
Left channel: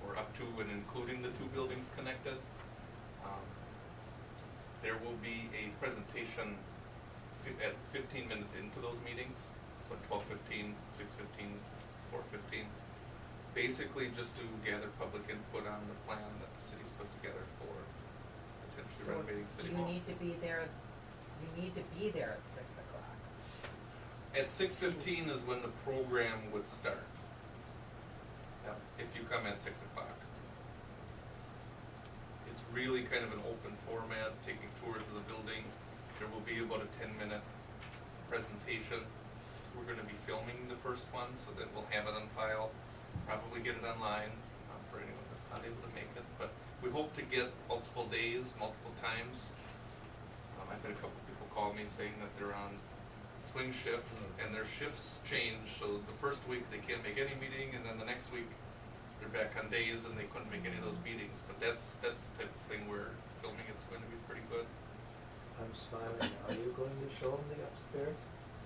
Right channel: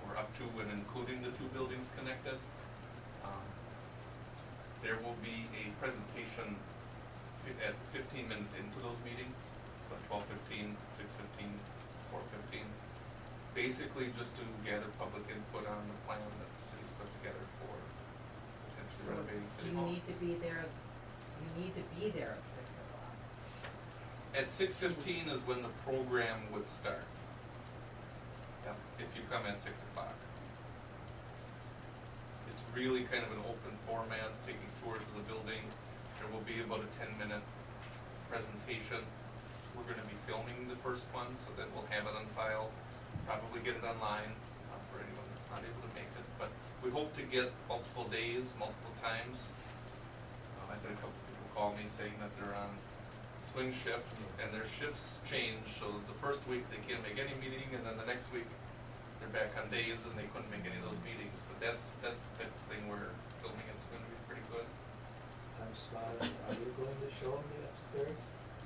or up to and including the 2 buildings connected. There will be a presentation at 15 minutes into those meetings, so 12:15, 6:15, 4:15. Basically just to gather public input on the plan that the city's put together for potentially So renovating City you Hall. need to be there, you need to be there at 6 o'clock. At 6:15 is when the program would start. Yep, if you come at 6 o'clock. It's really kind of an open format, taking tours of the building. There will be about a 10-minute presentation. We're going to be filming the first one, so that we'll have it on file, probably get it online for anyone that's not able to make it. But we hope to get multiple days, multiple times. I've had a couple people call me saying that they're on swing shift, and their shifts change, so the first week they can't make any meeting, and then the next week they're back on days and they couldn't make any of those meetings. But that's the type of thing we're filming. It's going to be pretty good. I'm smiling. Are you going to show them the upstairs?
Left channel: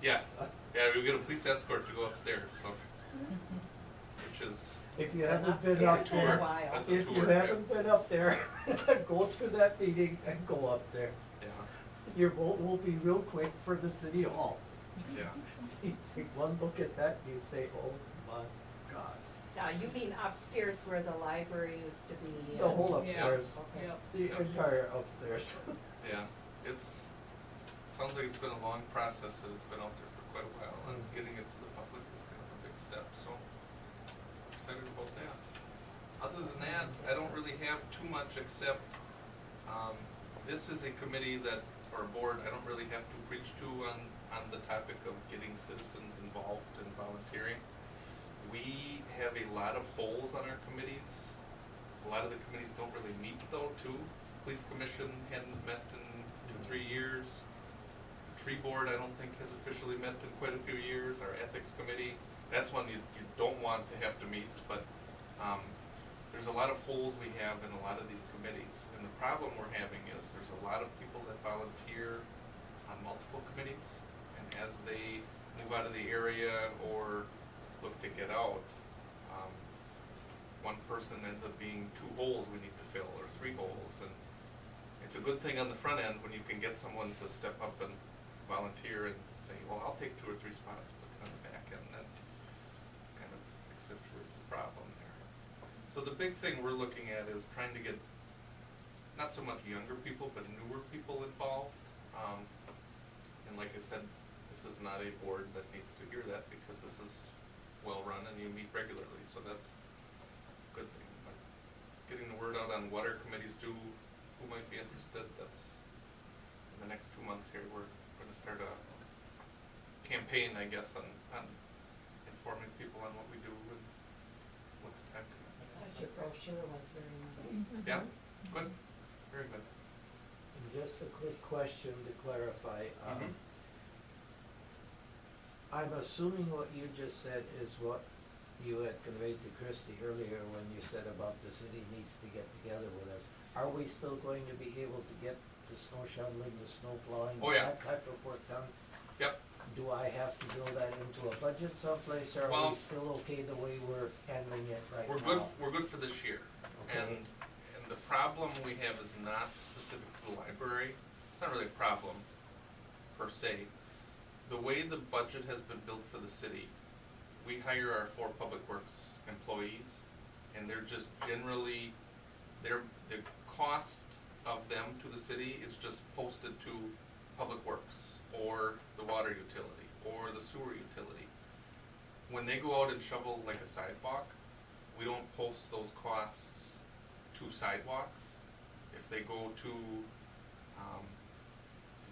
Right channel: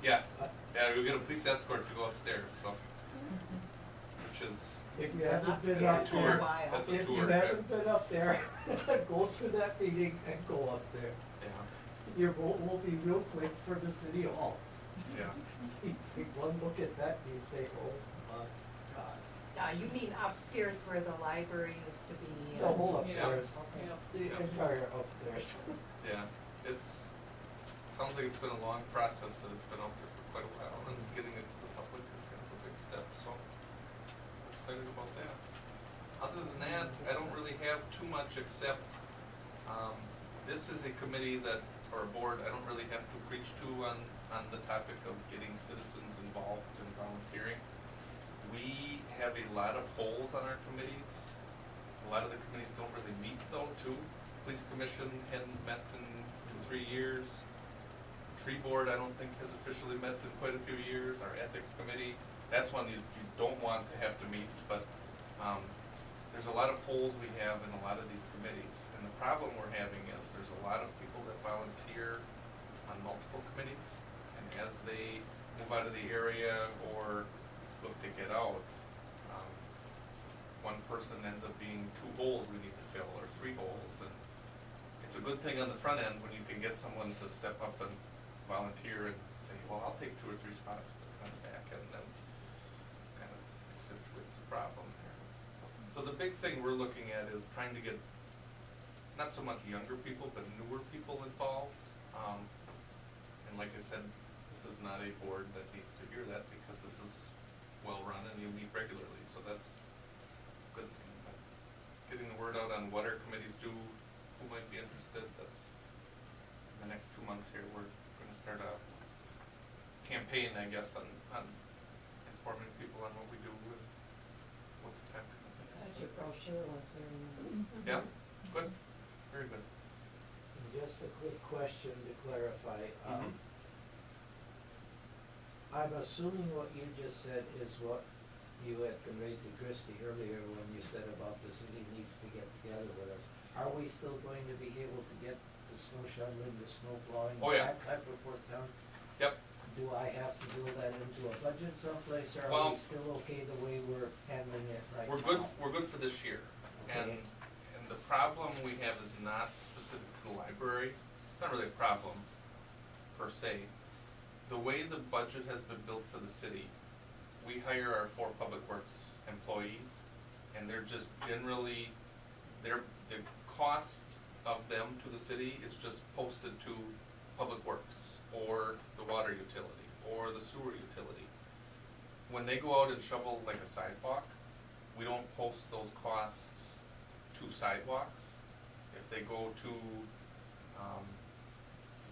Yeah, you'll get a police escort to go upstairs, so which is If you Been haven't been upstairs up for a there, while. That's a if you tour, yeah. haven't been up there, go to that meeting and go up there. yeah, Your vote will be real quick for the City Hall. yeah. You take one look at that and you say, oh my God. You mean upstairs where the library used to be? The whole upstairs, Okay. Yep. the Yeah. entire upstairs. Yeah, sounds like it's been a long process and it's been out there for quite a while, and getting it to the public is kind of a big step, so we're excited about that. Other than that, I don't really have too much except, this is a committee that, or a board, I don't really have to preach to on the topic of getting citizens involved in volunteering. We have a lot of holes on our committees. A lot of the committees don't really meet though, too. Police Commission hadn't met in 2-3 years. Tree board, I don't think has officially met in quite a few years. Our ethics committee, that's one you don't want to have to meet, but there's a lot of holes we have in a lot of these committees. And the problem we're having is there's a lot of people that volunteer on multiple committees, and as they move out of the area or look to get out, one person ends up being 2 holes we need to fill, or 3 holes. And it's a good thing on the front end when you can get someone to step up and volunteer and say, well, I'll take 2 or 3 spots, but on the back end, then kind of accentuates the problem there. So the big thing we're looking at is trying to get not so much younger people, but newer people involved. And like I said, this is not a board that needs to hear that, because this is well run and you meet regularly, so that's a good thing. But getting the word out on what our committees do, who might be interested, that's in the next 2 months here. We're going to start a campaign, I guess, on informing people on what we do and what the time commitment is. Your brochure was very nice. Yeah, good, very good. And just a quick question to clarify. Mhm. I'm assuming what you just said is what you had conveyed to Christie earlier when you said about the city needs to get together with us. Are we still going to be able to get the snow shoveling, the snow plowing, Oh, yeah. that type of work done? Yep. Do I have to build that into a budget someplace, or are Well, we still okay the way we're handling it right We're now? good. We're good for this year, Okay. and the problem we have is not specific to the library. It's not really a problem per se. The way the budget has been built for the city, we hire our 4 public works employees, and they're just generally the cost of them to the city is just posted to public works or the water utility or the sewer utility. When they go out and shovel like a sidewalk, we don't post those costs to sidewalks. If they go to,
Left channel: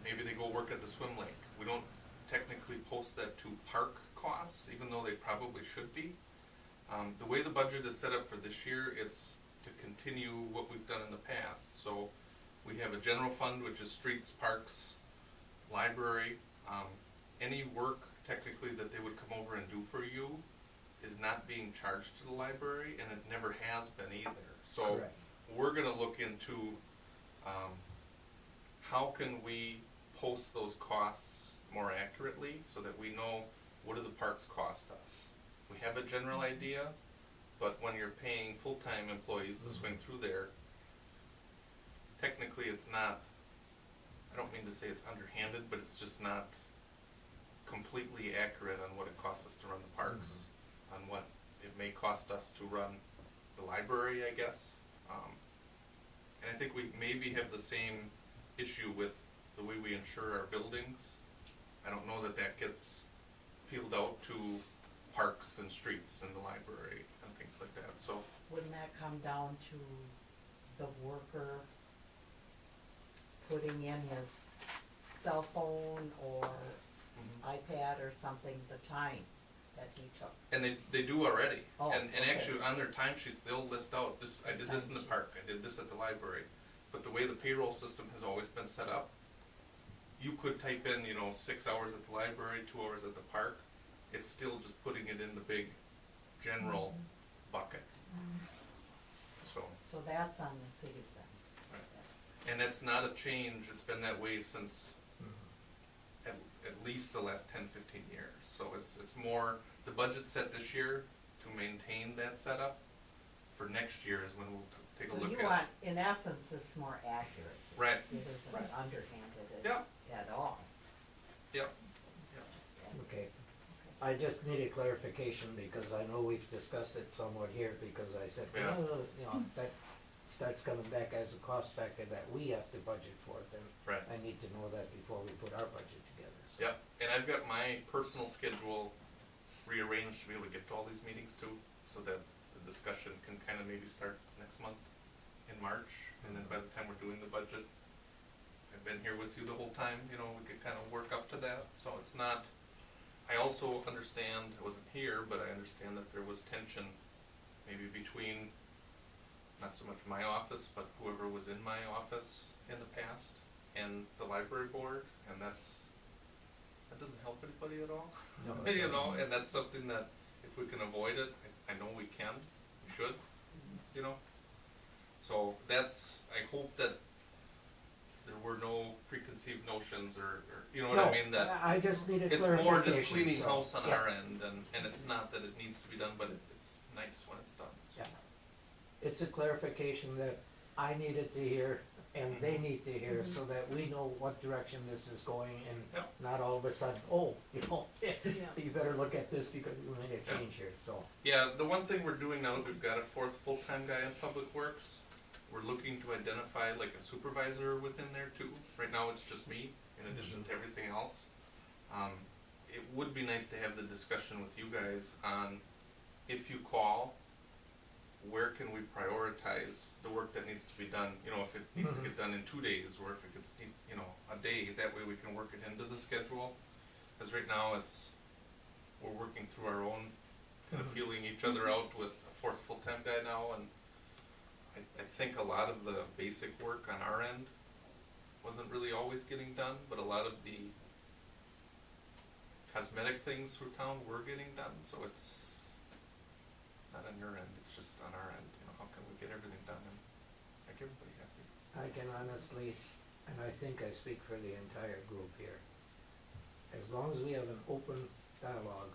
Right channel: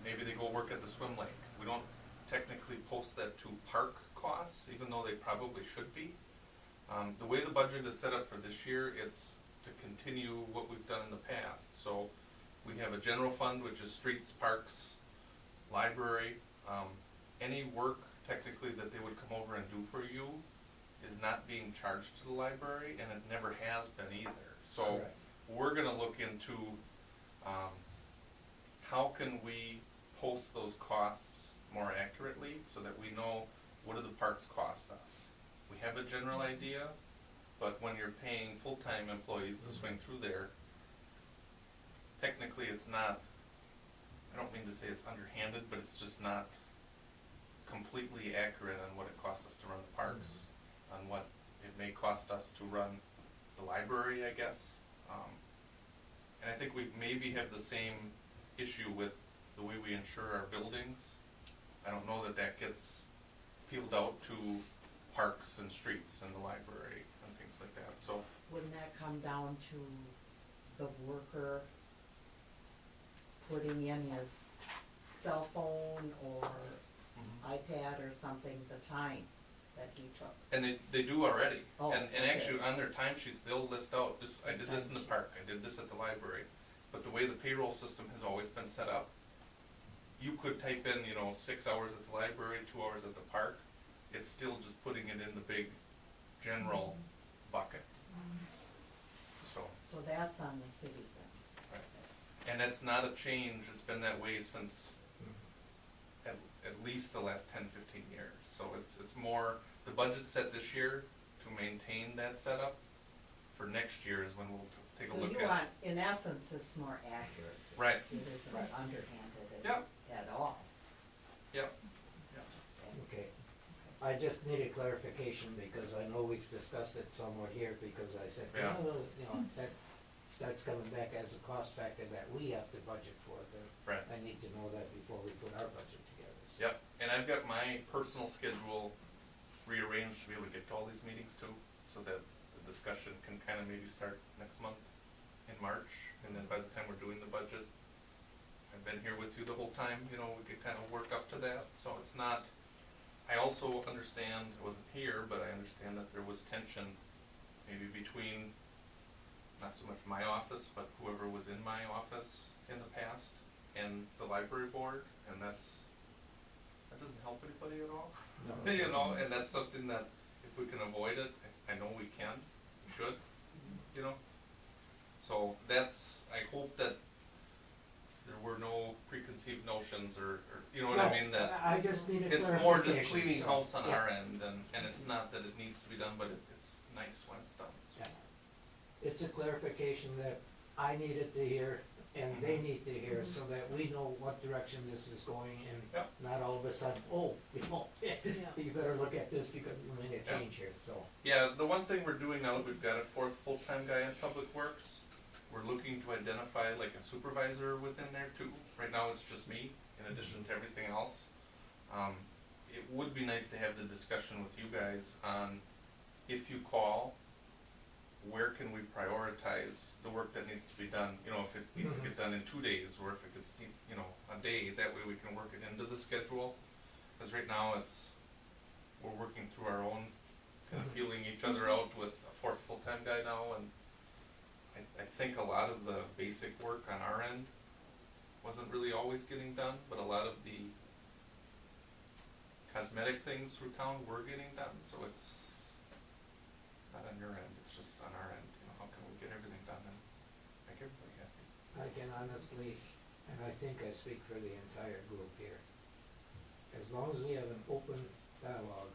maybe they go work at the swim lake, we don't technically post that to park costs, even though they probably should be. The way the budget is set up for this year, it's to continue what we've done in the past. So we have a general fund, which is streets, parks, library. Any work technically that they would come over and do for you is not being charged to the library, and it never has been either. So Correct. we're going to look into how can we post those costs more accurately so that we know what do the parks cost us. We have a general idea, but when you're paying full-time employees to swing through there, technically it's not, I don't mean to say it's underhanded, but it's just not completely accurate on what it costs us to run the parks, on what it may cost us to run the library, I guess. And I think we maybe have the same issue with the way we insure our buildings. I don't know that that gets peeled out to parks and streets and the library and things like that. So Wouldn't that come down to the worker putting in his cell phone or iPad or something, the time that he took? and they do already. Oh, and okay. actually on their timesheets they'll list out this, I did this in the park, I did this at the library. But the way the payroll system has always been set up, you could type in, 6 hours at the library, 2 hours at the park. It's still just putting it in the big general bucket. So that's on the city's end. Right. That's- and that's not a change. It's been that way since at least the last 10, 15 years. So it's more, the budget's set this year to maintain that setup. For next year is when we'll take a look So at. you want, in essence, it's more accuracy. Right. It isn't Right. underhanded Yep. at all. Yep. It's Yep. just Okay. accuracy. I just needed clarification because I know we've discussed it somewhat here, because I said, Yeah. well, that starts coming back as a cost factor that we have to budget for, then Right. I need to know that before we put our budget together. So. Yep. And I've got my personal schedule rearranged to be able to get to all these meetings too, so that the discussion can kind of maybe start next month in March, and then by the time we're doing the budget, I've been here with you the whole time, we could kind of work up to that. So it's not, I also understand, I wasn't here, but I understand that there was tension maybe between not so much my office, but whoever was in my office in the past and the library board, and that's that doesn't help anybody at all. No, it You know, doesn't. and that's something that if we can avoid it, I know we can, we should, you know. So that's, I hope that there were no preconceived notions or you know what I mean, that I just needed it's clarification. more just cleaning so, house on yeah. our end, and it's not that it needs to be done, but it's nice when it's done. So. Yeah. It's a clarification that I needed to hear and they need to hear so that we know what direction this is going and Yep. not all of a sudden, oh, you know, you better look at this because we made a Yeah. change here, so. Yeah, the one thing we're doing now that we've got a fourth full-time guy in Public Works, we're looking to identify like a supervisor within there too. Right now it's just me, in addition to everything else. It would be nice to have the discussion with you guys on, if you call, where can we prioritize the work that needs to be done? You know, if it needs to get done in 2 days, or if it gets, you know, a day, that way we can work it into the schedule. Because right now we're working through our own, kind of feeling each other out with a fourth full-time guy now, and I think a lot of the basic work on our end wasn't really always getting done, but a lot of the cosmetic things through town were getting done, so it's not on your end, it's just on our end. You know, how can we get everything done and make everybody happy? I can honestly, and I think I speak for the entire group here, as long as we have an open dialogue,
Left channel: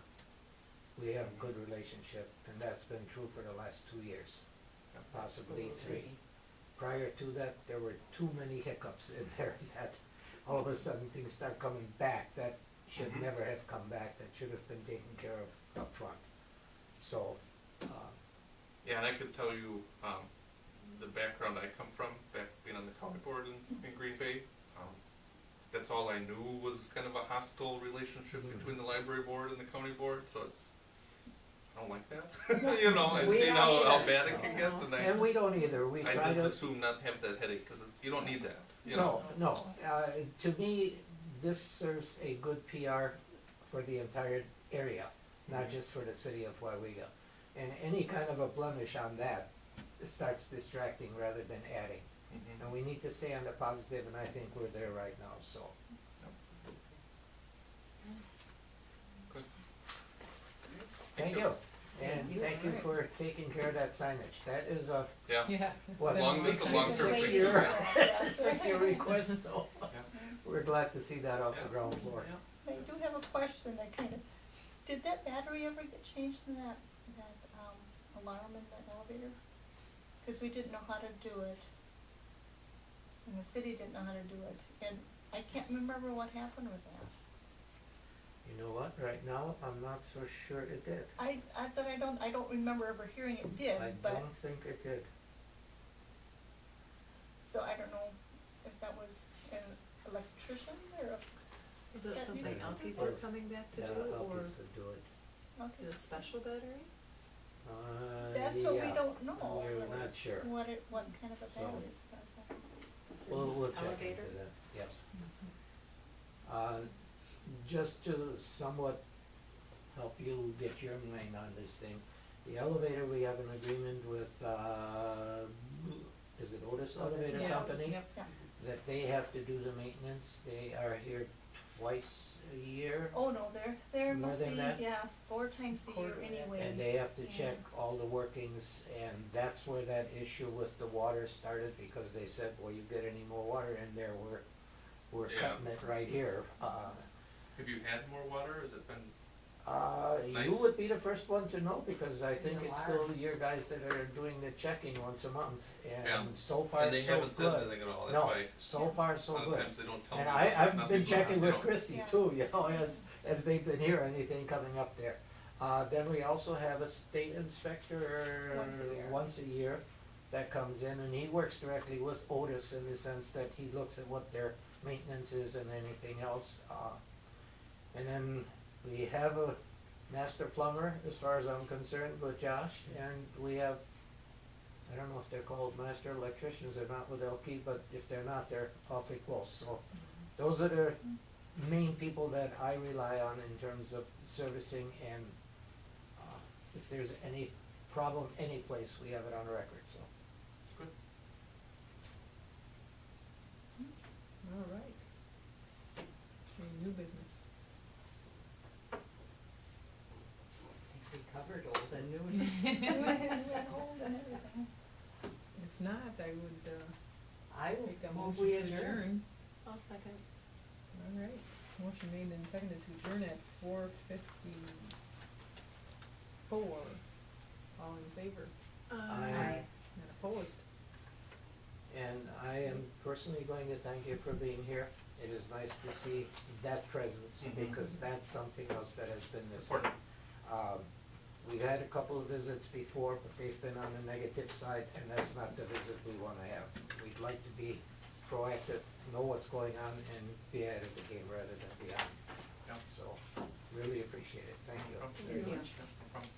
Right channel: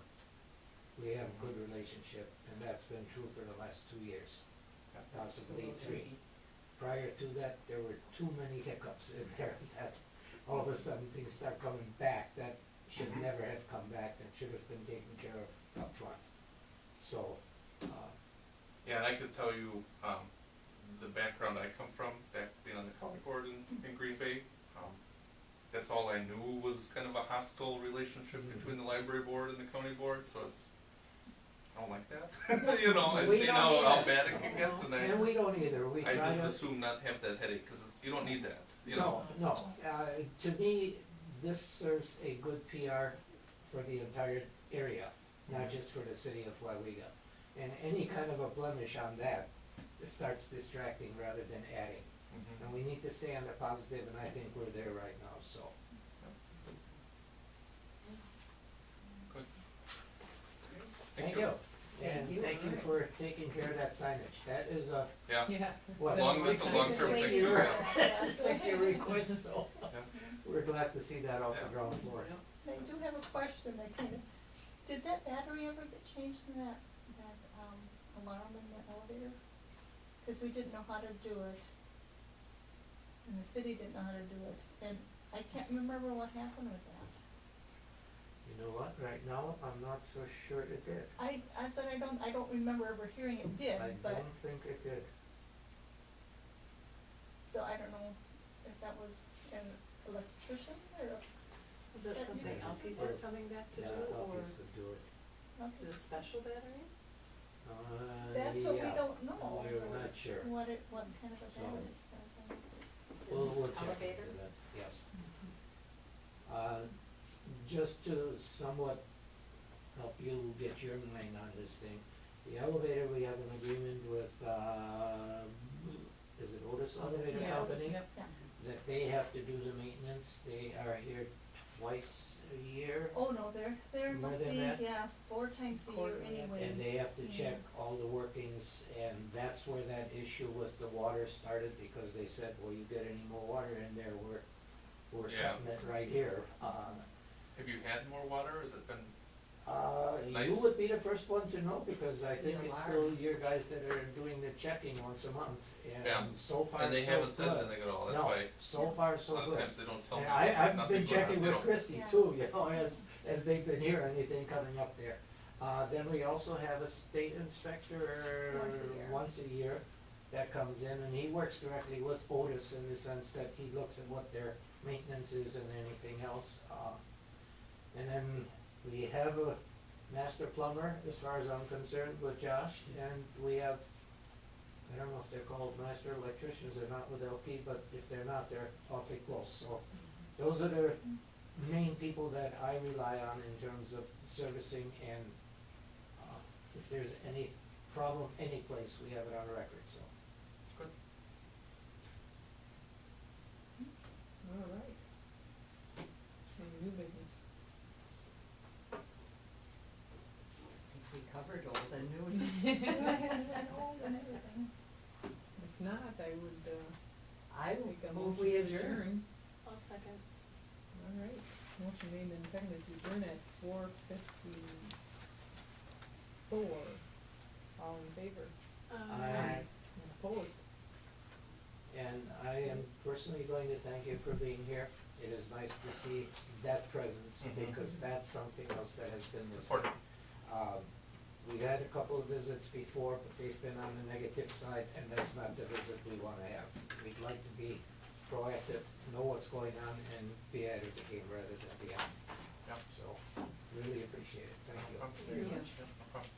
we have a good relationship, and that's been true for the last 2 years, possibly 3. Prior to that, there were too many hiccups in there that all of a sudden things start coming back that should never have come back, that should have been taken care of up front. So, Yeah, and I could tell you the background I come from, back being on the county board in Green Bay. That's all I knew was kind of a hostile relationship between the library board and the county board, so it's, I don't like that. You know, I've We seen don't how either. bad it can get, and we don't either, we I try to. just assume not to have that headache, because you don't need that, you know. No. To me, this serves a good PR for the entire area, not just for the city of Weyauwega. And any kind of a blemish on that starts distracting rather than adding. And we need to stay on the positive, and I think we're there right now, so. Good. Thank you. And thank you for taking care of that signage. That is a Yeah. Yeah. What, As long as it's a long-term thing, too, right? 6-year request, so Yeah. we're glad to see that off the ground floor. I do have a question that kind of, did that battery ever get changed in that alarm in the elevator? Because we didn't know how to do it. And the city didn't know how to do it. And I can't remember what happened with that. You know what, right now, I'm not so sure it did. I thought I don't remember ever hearing it did, I but, don't think it did. so I don't know if that was an electrician or Is that Yeah, something you- Alkies are coming back to Yeah, do, or Alkies could do it. is it a special battery? That's what we Yeah, don't know. we're not sure. what kind of a battery is that? We'll check into Elevator? that, yes. Just to somewhat help you get your mind on this thing, the elevator, we have an agreement with, is it Otis Elevator Yeah, Company? yep. Yeah. That they have to do the maintenance, they are here twice a year. Oh, no, there More must than be, that? 4 times a year Quarterly. anyway. And they have to Yeah. check all the workings, and that's where that issue with the water started, because they said, well, you get any more water in there, we're Yeah. cutting it right here. Have you had more water? Has it been? Nice. You would be the first one to know, because I think You it's are. still your guys that are doing the checking once a month, Yeah. and so far, so And they good. haven't said anything at all. That's No, why so far, so a lot good. of times they don't tell And me. I've nothing been going on, checking you with know. Christie Yeah. too, you know, as they've been here, anything coming up there. Then we also have a state inspector Once a year. that comes in, and he works directly with Otis in the sense that he looks at what their maintenance is and anything else. And then we have a master plumber, as far as I'm concerned, with Josh, and we have, I don't know if they're called master electricians or not with LP, but if they're not, they're awfully close. So those are the main people that I rely on in terms of servicing, and if there's any problem any place, we have it on record, so. Good. All right. Any new business? I would, I will make a move motion we to adjourn. adjourn. I'll second. All right, motion made and seconded to adjourn at 4:54. All in favor? Aye. And opposed? And I am personally going to thank you for being here. It is nice to see that presence, Mhm. because that's something else that has been missing. Important. We've had a couple of visits before, but they've been on the negative side, and that's not the visit we want to have. We'd like to be proactive, know what's going on, and be ahead of the game rather than behind. Yeah. So, really appreciate it. Thank you. Okay. Thank you. Yeah, no problem.